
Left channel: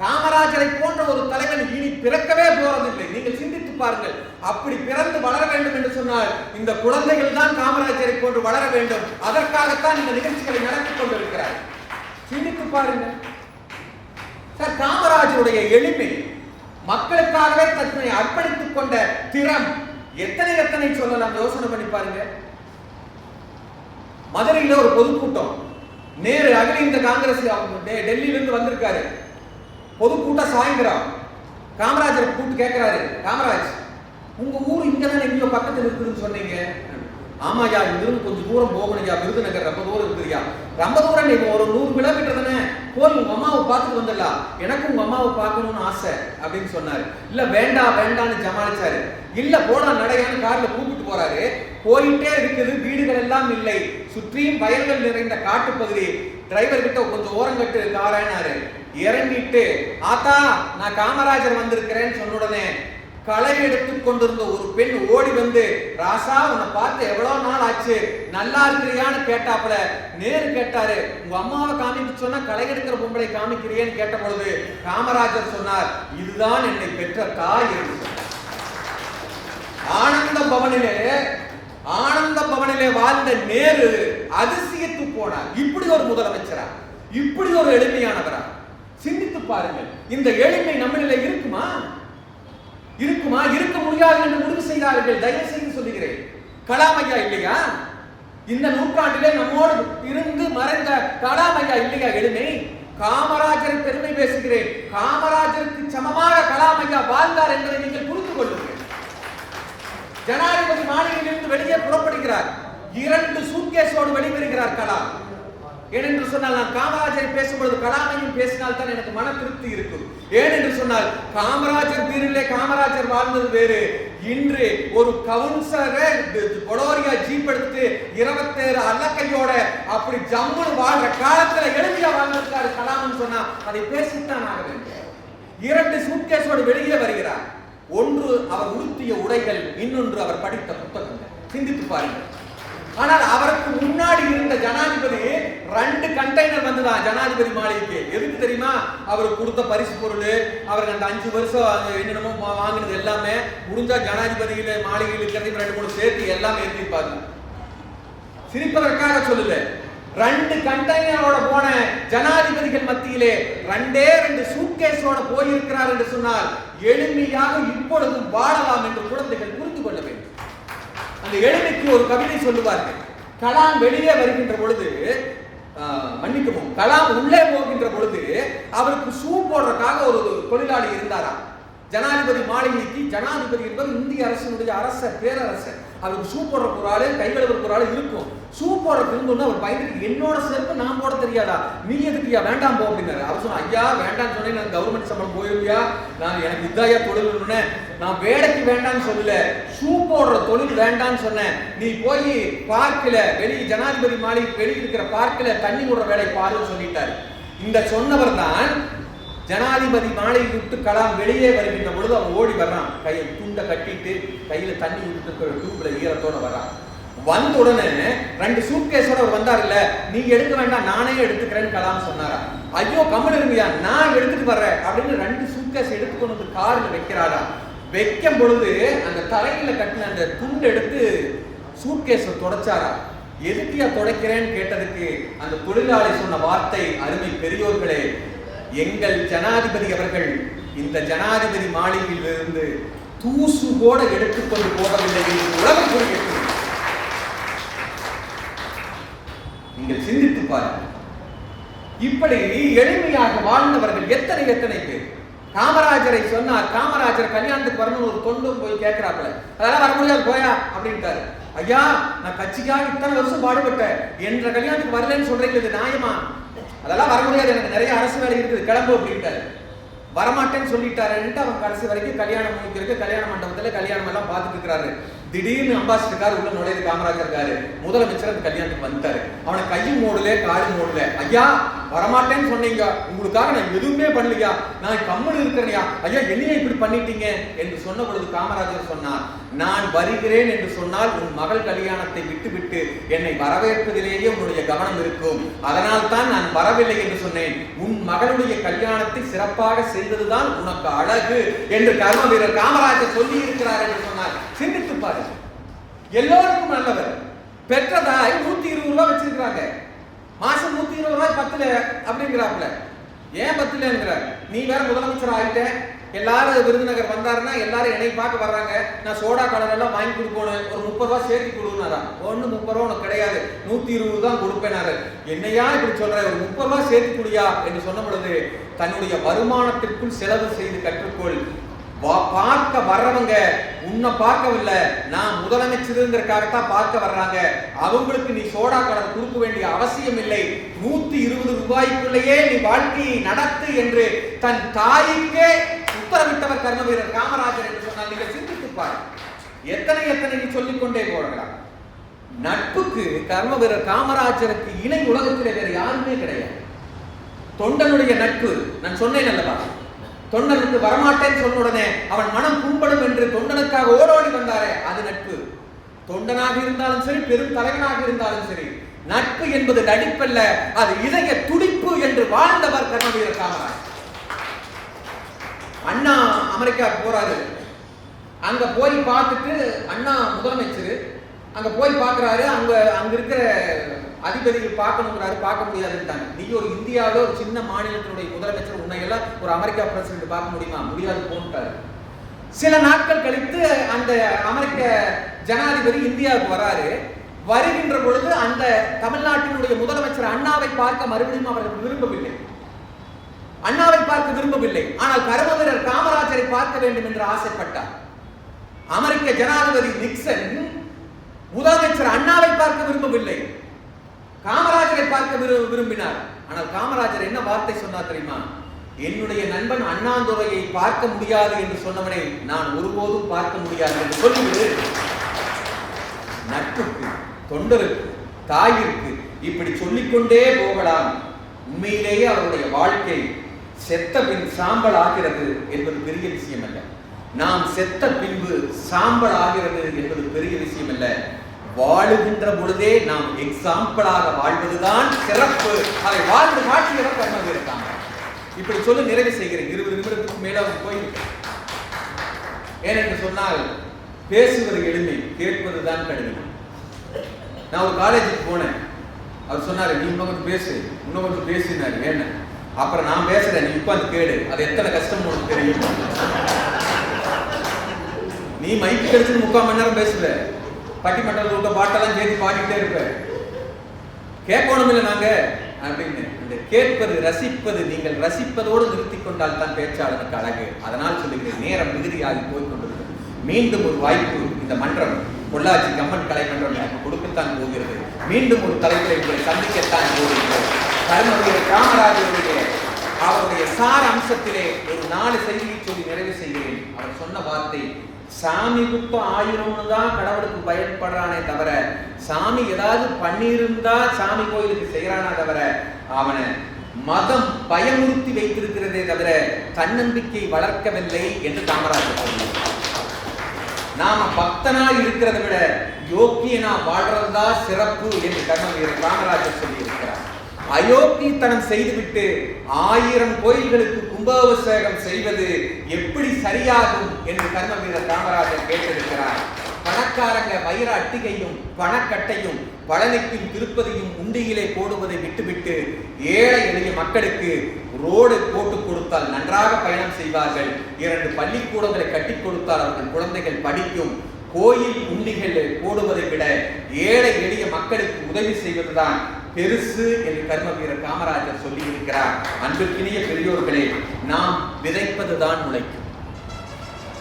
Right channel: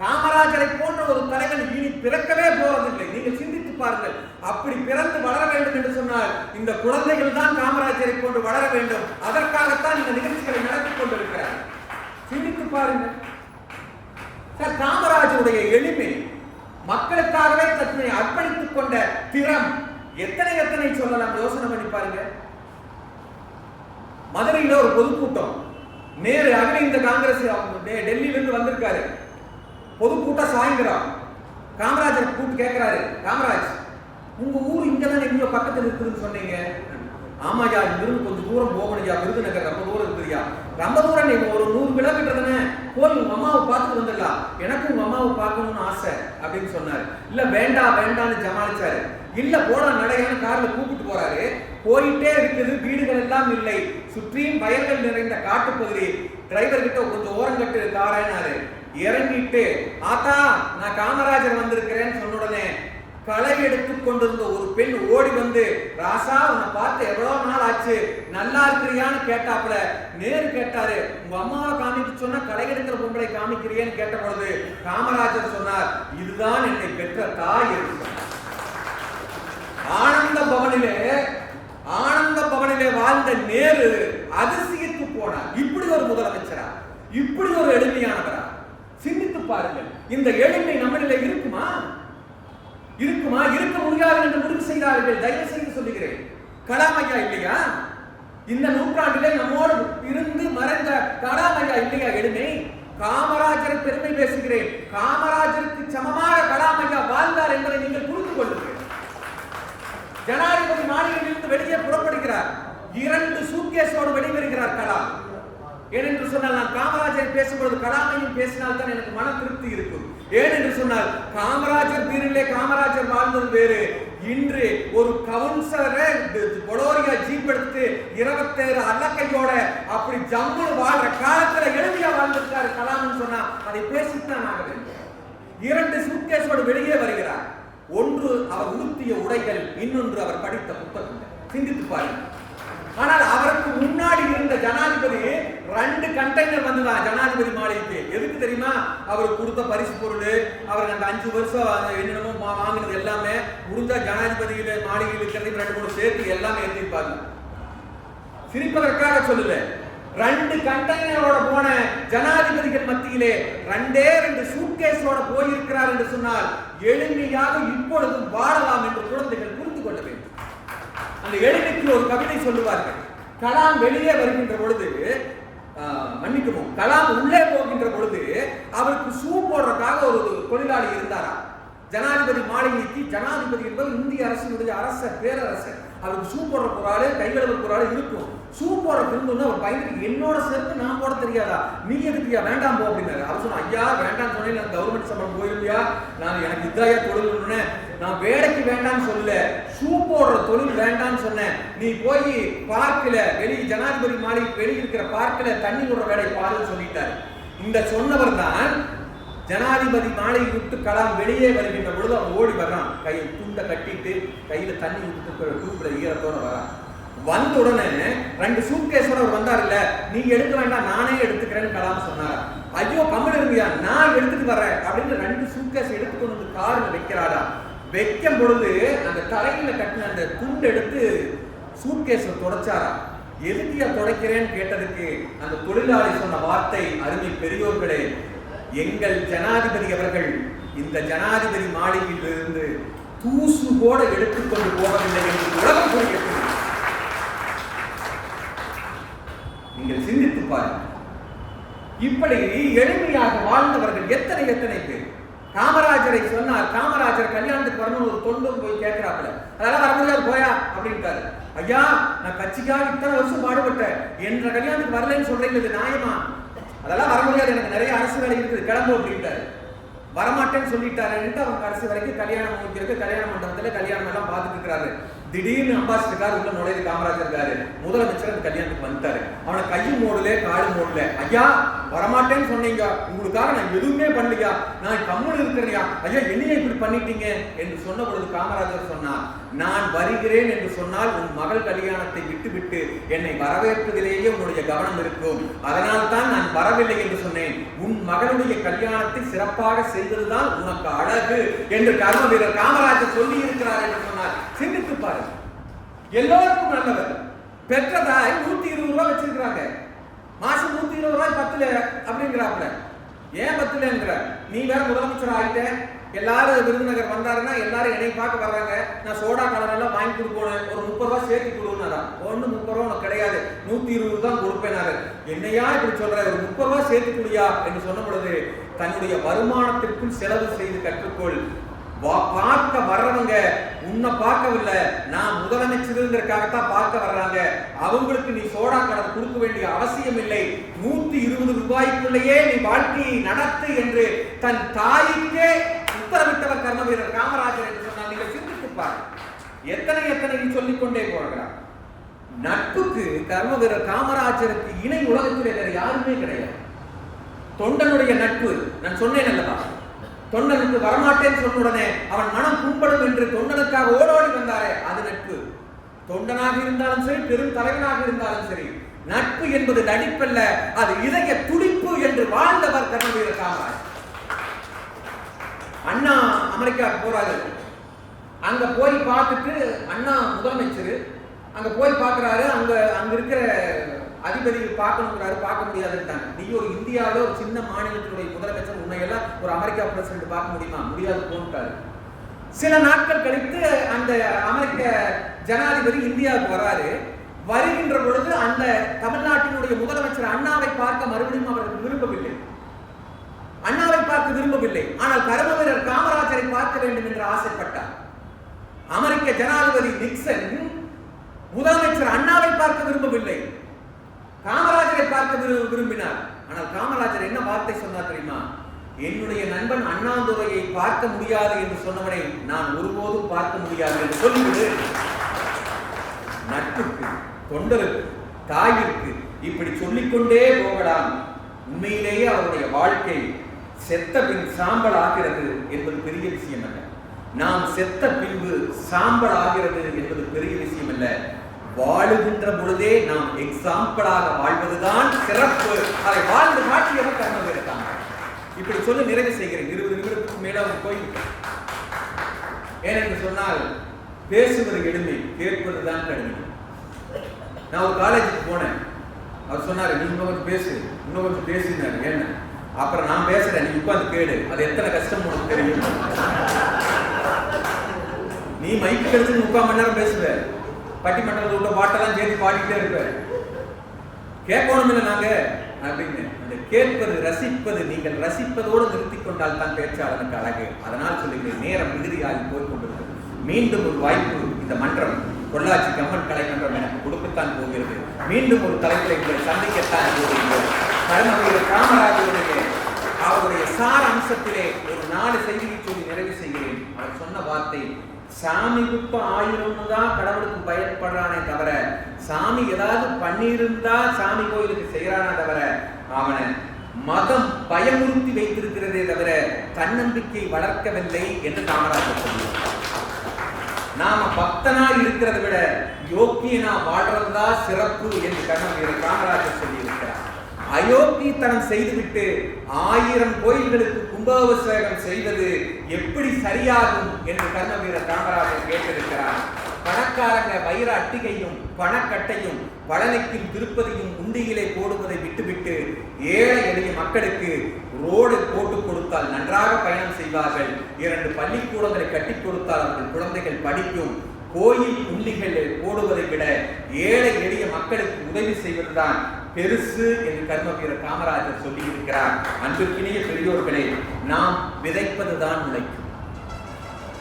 காமராஜரை போன்ற ஒரு தலைவன் இனி பிறக்கவே போவதில்லை. நீங்கள் சிந்தித்து பாருங்கள். அப்படி பிறந்து வளர வேண்டும் என்று சொன்னால் இந்த குழந்தைகள் தான் காமராஜரை போன்று வளர வேண்டும். அதற்காகத்தான் இந்த நிகழ்ச்சிகளை நடத்தி கொண்டிருக்கிறார். சிந்தித்து பாருங்கள். சார், காமராஜருடைய எளிமை, மக்களுக்காகவே தன்னை அர்ப்பணித்துக் கொண்ட திறம் எத்தனை எத்தனை சொல்லலாம். யோசனை பண்ணி பாருங்க. மதுரையில ஒரு பொதுக்கூட்டம், நேரு அகில இந்திய காங்கிரஸ் டெல்லியில இருந்து வந்திருக்காரு. பொதுக்கூட்டம் சாயங்காலம். காமராஜர் கூப்பிட்டு கேட்கிறாரு, காமராஜ், உங்க ஊர் இங்கதான் எங்கேயோ பக்கத்துல இருக்குதுன்னு சொன்னீங்க. ஆமாயா, இங்கிருந்து கொஞ்சம் தூரம் போகணும்யா, விருதுநகர் ரொம்ப தூரம் இருக்குதுயா. ரொம்ப தூரம், நீங்க ஒரு 100 கிலோமீட்டர் தானே, போய் உங்க அம்மாவை பார்த்துட்டு வந்துடலாம், எனக்கு உங்க அம்மாவை பார்க்கணும்னு ஆசை அப்படின்னு சொன்னாரு. இல்ல வேண்டாம் வேண்டாம்னு ஜமாளிச்சாரு. இல்ல போடா நடையான்னு கார்ல கூப்பிட்டு போறாரு. போயிட்டே இருக்குது, வீடுகள் எல்லாம் இல்லை, சுற்றியும் வயல்கள் நிறைந்த காட்டுப்பகுதி. டிரைவர் கிட்ட கொஞ்சம் ஓரங்கட்டு காரனாரு. இறங்கிட்டு, ஆத்தா நான் காமராஜர் வந்திருக்கிறேன்னு சொன்ன உடனே களை எடுத்துக் கொண்டிருந்த ஒரு பெண் ஓடி வந்து, ராசா உன்னை பார்த்து எவ்வளவு நாள் ஆச்சு, நல்லா இருக்கிறியான்னு கேட்டாப்புல. நேரு கேட்டாரு, உங்க அம்மாவை காமிக்க சொன்னா களை எடுக்கிற பொம்பளை காமிக்கிறியேன்னு கேட்ட பொழுது காமராஜர் சொன்னார், இதுதான் என்னை பெற்ற தாய் என்று. ஆனந்த பவனிலே வாழ்ந்த நேரு அதிசயத்து போனார். இப்படி ஒரு முதலமைச்சரா, இப்படி ஒரு எளிமையானவரா? சிந்தித்து பாருங்கள். இந்த எளிமை நம்மளிலே இருக்குமா? இருக்க முடியாது என்று முடிவு செய்தார்கள். தயவு செய்து சொல்லுகிறேன், கலாம் ஐயா இல்லையா? இந்த நூற்றாண்டிலே நம்மோடு இருந்து மறைந்த கலாம் ஐயா இல்லையா எளிமை? காமராஜரை பெருமை பேசுகிறேன். காமராஜருக்கு சமமாக கலாம் ஐயா வாழ்ந்தார் என்பதை நீங்கள் புரிந்து கொள்ளுங்கள். ஜனாதிபதி மாளிகையிலிருந்து வெளியே புறப்படுகிறார். 2 சூட்கேஸோடு வெளிவருகிறார் கலாம். ஏனென்று சொன்னால், நான் காமராஜரை பேசும்பொழுது கலாமையும் பேசினால் தான் எனக்கு மன திருப்தி இருக்கும். ஏனென்று சொன்னால், காமராஜர் பீரிலே காமராஜர் வாழ்ந்தது வேறு. இன்று ஒரு கவுன்சிலரை பொலோரியா ஜீப் எடுத்து 27 அல்லக்கையோட அப்படி ஜம்மு வாழ்ற காலத்துல எளிமையா வாழ்ந்திருக்காரு கலாம்னு சொன்னா அதை பேசித்தான் ஆக வேண்டும். 2 சூட்கேஸோடு வெளியே வருகிறார். ஒன்று அவர் உடுத்திய உடைகள், இன்னொன்று அவர் படித்த புத்தகங்கள். சிந்தித்து பாருங்கள். ஆனால் அவருக்கு முன்னாடி இருந்த ஜனாதிபதி 2 கண்டெய்னர் வந்துதான் ஜனாதிபதி மாளிகைக்கு. எதுக்கு தெரியுமா? அவருக்கு கொடுத்த பரிசு பொருள், அவருக்கு அந்த 5 வருஷம் என்னென்னமோ வாங்கினது எல்லாமே முடிஞ்சா ஜனாதிபதியில மாளிகையில் இருக்கிறதையும் 2-3 சேர்த்து எல்லாமே எழுதியிருப்பாங்க. சிரிப்பதற்காக சொல்லல. 2 கண்டெய்னரோட போன ஜனாதிபதிகள் மத்தியிலே 2 சூட்கேஸோட போயிருக்கிறார் என்று சொன்னால் எளிமையாக இப்பொழுதும் வாழலாம் என்று குழந்தைகள் புரிந்து கொள்ள வேண்டும். அந்த எளிமைக்கு ஒரு கவிதை சொல்லுவார்கள். கலாம் வெளியே வருகின்ற பொழுது, மன்னிக்கவும், கலாம் உள்ளே போகின்ற பொழுது அவருக்கு ஷூ போடுறதுக்காக ஒரு தொழிலாளி இருந்தாரா. ஜனாதிபதி மாளிகைக்கு, ஜனாதிபதி என்பது இந்திய அரசினுடைய அரசர், பேரரசர். அவருக்கு ஷூ போடுற ஒரு ஆளு, கைகளுக்கு ஒரு ஆளு இருக்கும். ஷூ போடுறது இருந்தோன்னு அவர் பயந்துட்டு, என்னோட செருப்பு நான் போட தெரியாதா, நீ எதுக்குயா வேண்டாம் போ அப்படின்னாரு. அவர் சொன்ன, ஐயா வேண்டாம்னு சொன்னேன், நான் கவர்மெண்ட் சம்பளம் போயிருந்தியா, நான் எனக்கு இதாயா தொழில், நான் வேலைக்கு வேண்டாம்னு சொல்லல, ஷூ போடுற தொழில் வேண்டாம்னு சொன்னேன். நீ போய் பார்க்கல, வெளியே ஜனாதிபதி மாளிகை வெளியே இருக்கிற பார்க்கல தண்ணி விடுற வேலை பாருன்னு சொல்லிட்டாரு. இந்த சொன்னவர் தான் ஜனாதிபதி மாளிகை விட்டு கலாம் வெளியே வருகின்ற பொழுது அவன் ஓடி வர்றான். கையை துண்டை கட்டிட்டு கையில தண்ணி விட்டு டியூப்ல ஈரத்தோட வர்றான். வந்த உடனே 2 சூட்கேஸோட அவர் வந்தார். இல்ல நீங்க எடுக்க வேண்டாம், நானே எடுத்துக்கிறேன்னு கலாம் சொன்னாரா. ஐயோ கம்மல் இருங்கயா, நான் எடுத்துட்டு வர்றேன் அப்படின்னு 2 சூட்கேஸ் எடுத்துக்கொண்டு வந்து கார்ல வைக்கிறாரா. வைக்கும் பொழுது அந்த தலையில கட்டின அந்த துண்டு எடுத்து சூட்கேஸை தொடச்சாரா. எதுக்கியா தொடக்கிறேன்னு கேட்டதுக்கு அந்த தொழிலாளி சொன்ன வார்த்தை, அருமை பெரியோர்களே, எங்கள் ஜனாதிபதி அவர்கள் இந்த ஜனாதிபதி மாளிகையில் இருந்து தூசு கூட எடுத்துக்கொண்டு போகவில்லை என்று உலகம் கூறியிருக்கிறது. நீங்கள் சிந்தித்து பாருங்கள். இப்படி எளிமையாக வாழ்ந்தவர்கள் எத்தனை எத்தனை பேர். காமராஜரை சொன்னார், காமராஜர் கல்யாணத்துக்கு வரணும் ஒரு தொண்டும் போய் கேட்கிறாப்புல, அதெல்லாம் வர முடியாது போயா அப்படின்ட்டாரு. ஐயா நான் கட்சிக்காக இத்தனை வருஷம் பாடுபட்டேன், என்ற கல்யாணத்துக்கு வரலன்னு சொல்றீங்க, இது நியாயமா? அதெல்லாம் வர முடியாது, எனக்கு நிறைய அரசு வேலை இருக்குது, கிளம்பு அப்படின்ட்டாரு. வரமாட்டேன்னு சொல்லிட்டாருன்ட்டு அவன் கடைசி வரைக்கும் கல்யாணம் முடிஞ்சிருக்கு. கல்யாண மண்டபத்துல கல்யாணம் எல்லாம் பார்த்துட்டு இருக்கிறாரு. திடீர்னு அம்பாசிடர் கார் உள்ள நுழையுது. காமராஜர் இருக்காரு, முதலமைச்சர் அந்த கல்யாணத்துக்கு வந்துட்டாரு. அவனை கையும் மூடல காலும் மூடல. ஐயா வரமாட்டேன்னு சொன்னீங்க, உங்களுக்காக நான் எதுவுமே பண்ணலையா, நான் கம்மல் இருக்கிறேயா, ஐயா என்னைய இப்படி பண்ணிட்டீங்க என்று சொன்ன பொழுது காமராஜர் சொன்னார், நான் வருகிறேன் என்று சொன்னால் உன் மகள் கல்யாணத்தை விட்டுவிட்டு என்னை வரவேற்பதிலேயே உன்னுடைய கவனம் இருக்கும், அதனால் தான் நான் வரவில்லை என்று சொன்னேன். உன் மகளுடைய கல்யாணத்தை சிறப்பாக செய்ததுதான் உனக்கு அழகு என்று கர்ம வீரர் காமராஜர் சொல்லி இருக்கிறார் என்று சொன்னார். சிந்தித்து பாருங்க. எல்லோருக்கும் நல்லவர். பெற்றதாய் 120 ரூபாய் வச்சிருக்காங்க, மாசம் 120 ரூபாய் 10 அப்படிங்கிறாப்புல. ஏன் பத்தலங்கிறார்? நீ வேற முதலமைச்சர் ஆகிட்ட, எல்லாரும் விருதுநகர் வந்தாருன்னா எல்லாரும் என்னை பார்க்க வர்றாங்க, நான் சோடா கலர் எல்லாம் வாங்கி கொடுக்கணும், ஒரு 30 ரூபாய் சேர்த்து கொடுனாதான். ஒண்ணு 30 ரூபா உனக்கு கிடையாது, 120 தான் கொடுப்பேனாரு. என்னையா இப்படி சொல்ற, ஒரு 30 ரூபாய் சேர்த்து குடியா என்று சொன்ன பொழுது, தன்னுடைய வருமானத்திற்குள் செலவு செய்து கற்றுக்கொள். பார்க்க வர்றவங்க உன்னை பார்க்கவில்லை, நான் முதலமைச்சருங்கிறதுக்காகத்தான் பார்க்க வர்றாங்க, அவங்களுக்கு நீ சோடா கலர் கொடுக்க வேண்டிய அவசியம் இல்லை, 120 ரூபாய்க்குள்ளேயே நீ வாழ்க்கையை நடத்து என்று தன் தாய்க்கே உத்தரவிட்டவர் கர்ம வீரர் காமராஜர் என்று சொன்னால் நீங்கள் சிந்தித்து பாருங்க. எத்தனை எத்தனை சொல்லிக்கொண்டே போகலாம். நட்புக்கு கர்ம வீரர் காமராஜருக்கு இணை உலகத்திலே வேற யாருமே கிடையாது. தொண்டனுடைய நட்பு நான் சொன்னேன் அல்லவா, தொண்டனுக்கு வரமாட்டேன்னு சொன்ன உடனே அவன் மனம் புண்படும் என்று தொண்டனுக்காக ஓடோடி வந்தாரே, அது நட்பு. தொண்டனாக இருந்தாலும் சரி, பெரும் தலைவனாக இருந்தாலும் சரி, நட்பு என்பது நடிப்பல்ல, அது இதய துடிப்பு என்று வாழ்ந்தவர் கர்ம வீரர் காமராஜர். அண்ணா அமெரிக்கா போறாரு, அங்க போய் பார்த்துட்டு அண்ணா முதலமைச்சர் அங்க போய் பார்க்கிறாரு, அங்க இருக்கிற அதிபதிகள் பார்க்கணுங்கிறாரு, பார்க்க முடியாதுட்டாங்க. நீ ஒரு இந்தியாவில ஒரு சின்ன மாநிலத்தினுடைய முதலமைச்சர், உன்னையெல்லாம் ஒரு அமெரிக்கா பிரசிடென்ட் பார்க்க முடியுமா? முடியாது போன்ட்டாரு. சில நாட்கள் கழித்து அந்த அமெரிக்க ஜனாதிபதி இந்தியாவுக்கு வராரு. வருகின்ற பொழுது அந்த தமிழ்நாட்டினுடைய முதலமைச்சர் அண்ணாவை பார்க்க மறுபடியும் அவர்கள் விரும்பவில்லை, அண்ணாவை பார்க்க விரும்பவில்லை. ஆனால் கர்ம வீரர் காமராஜரை பார்க்க வேண்டும் என்று ஆசைப்பட்டார். அமெரிக்க ஜனாதிபதி நிக்சன் முதலமைச்சர் அண்ணாவை பார்க்க விரும்பவில்லை, காமராஜரை பார்க்க விரும்பினார். ஆனால் காமராஜர் என்ன வார்த்தை சொன்னார் தெரியுமா? என்னுடைய நண்பன் அண்ணாதுரையை பார்க்க முடியாது என்று சொன்னவனை நான் ஒருபோதும் பார்க்க முடியாது என்று சொல்லிவிடு. நட்புக்கு, தொண்டருக்கு, தாயிற்கு இப்படி சொல்லிக்கொண்டே போகலாம். உண்மையிலேயே அவருடைய வாழ்க்கை செத்த பின் சாம்பல் ஆகிறது என்பது பெரிய விஷயம் அல்ல. நாம் செத்த பின்பு சாம்பல் ஆகிறது என்பது பெரிய விஷயம் அல்ல. வாழுகின்ற பொழுதே நாம் எக்ஸாம்பிளாக வாழ்வதுதான் சிறப்பு. அதை வாழ்ந்து காட்டியவர் கர்ம வீரர் காமராஜர். இப்படி சொல்லி நிறைவு செய்கிறேன். 20 நிமிடத்துக்கு மேல போய்விட்டேன். ஏனென்று சொன்னால் பேசுவது எளிமை, கேட்பதுதான் கடினம். நான் ஒரு காலேஜுக்கு போனேன், அவர் சொன்னாரு நீ இன்னும் கொஞ்சம் பேசு, இன்னும் கொஞ்சம் பேசினாரு. ஏன்னா அப்புறம் நான் பேசுறேன், நீ உட்கார்ந்து கேளு, அது எத்தனை கஷ்டம் உனக்கு தெரியும். நீ மைக்கு கிடைச்சு 3/4 மணி நேரம் பேசுவ, பட்டிமன்றத்தில் உள்ள பாட்டெல்லாம் சேர்த்து பாடிக்கிட்டே இருப்ப, கேட்கணும் இல்லை நாங்க அப்படின்னு. அந்த கேட்பது, ரசிப்பது, நீங்கள் ரசிப்பதோடு நிறுத்திக் கொண்டால் தான் பேச்சாளனுக்கு அழகு. அதனால் சொல்லுகிறேன், நேரம் மிகுதியாகி போய்கொண்டிருக்கிறது. மீண்டும் ஒரு வாய்ப்பு இந்த மன்றம், பொள்ளாச்சி கம்மன் கலை மன்றம் எனக்கு கொடுக்கத்தான் போகிறது. மீண்டும் ஒரு தலைப்பில் உங்களை சந்திக்கத்தான் போகிறது. கர்ம வீரர் காமராஜருடைய அவருடைய சார அம்சத்திலே ஒரு 4 செய்தியை சொல்லி நிறைவு செய்கிறேன். அவர் சொன்ன வார்த்தை, சாமி குப்ப 1000 தான் கடவுளுக்கு பயன்படுறானே தவிர, சாமி ஏதாவது பண்ணியிருந்தா சாமி கோயிலுக்கு செய்யறானா தவிர, அவனை மதம் பயமுறுத்தி வைத்திருக்கிறதே தவிர தன்னம்பிக்கை வளர்க்கவில்லை என்று காமராஜர் சொல்லுவார். நாம பக்தனா இருக்கிறதை விட யோக்கியனா வாழ்றதா சிறப்பு என்று கர்ம வீரர் காமராஜர் சொல்லி இருக்கிறார். அயோக்கியத்தனம் செய்துவிட்டு 1000 கோயில்களுக்கு கும்பாபிஷேகம் செய்வது எப்படி சரியாகும் என்று கர்ம வீரர் காமராஜர் கேட்டிருக்கிறார். பணக்காரங்க வைர அட்டிகையும் பணக்கட்டையும் பழனிக்கும் திருப்பதியும் உண்டியிலே போடுவதை விட்டுவிட்டு ஏழை எளிய மக்களுக்கு ரோடு போட்டு கொடுத்தால் நன்றாக பயணம் செய்வார்கள். 2 பள்ளிக்கூடங்களை கட்டி கொடுத்தால் அவர்கள் குழந்தைகள் படிக்கும். கோயில் உண்டிகளை போடுவதை விட ஏழை எளிய மக்களுக்கு உதவி செய்வதுதான் பெருசு என்று கர்ம வீரர் காமராஜர் சொல்லி இருக்கிறார். அன்பிற்கினிய பெரியோர்களே, நாம் விதைப்பதுதான் முளைக்கும்.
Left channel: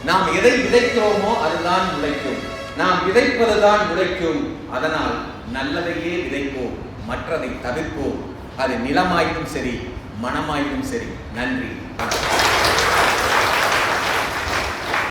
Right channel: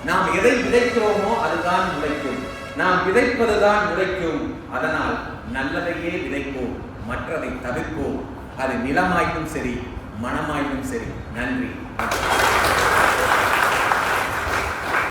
நாம் எதை விதைக்கிறோமோ அதுதான் முளைக்கும். நாம் விதைப்பதுதான் முளைக்கும். அதனால் நல்லதையே விதைப்போம், மற்றதை தவிர்ப்போம். அது நிலமாயினும் சரி, மனமாயினும் சரி. நன்றி.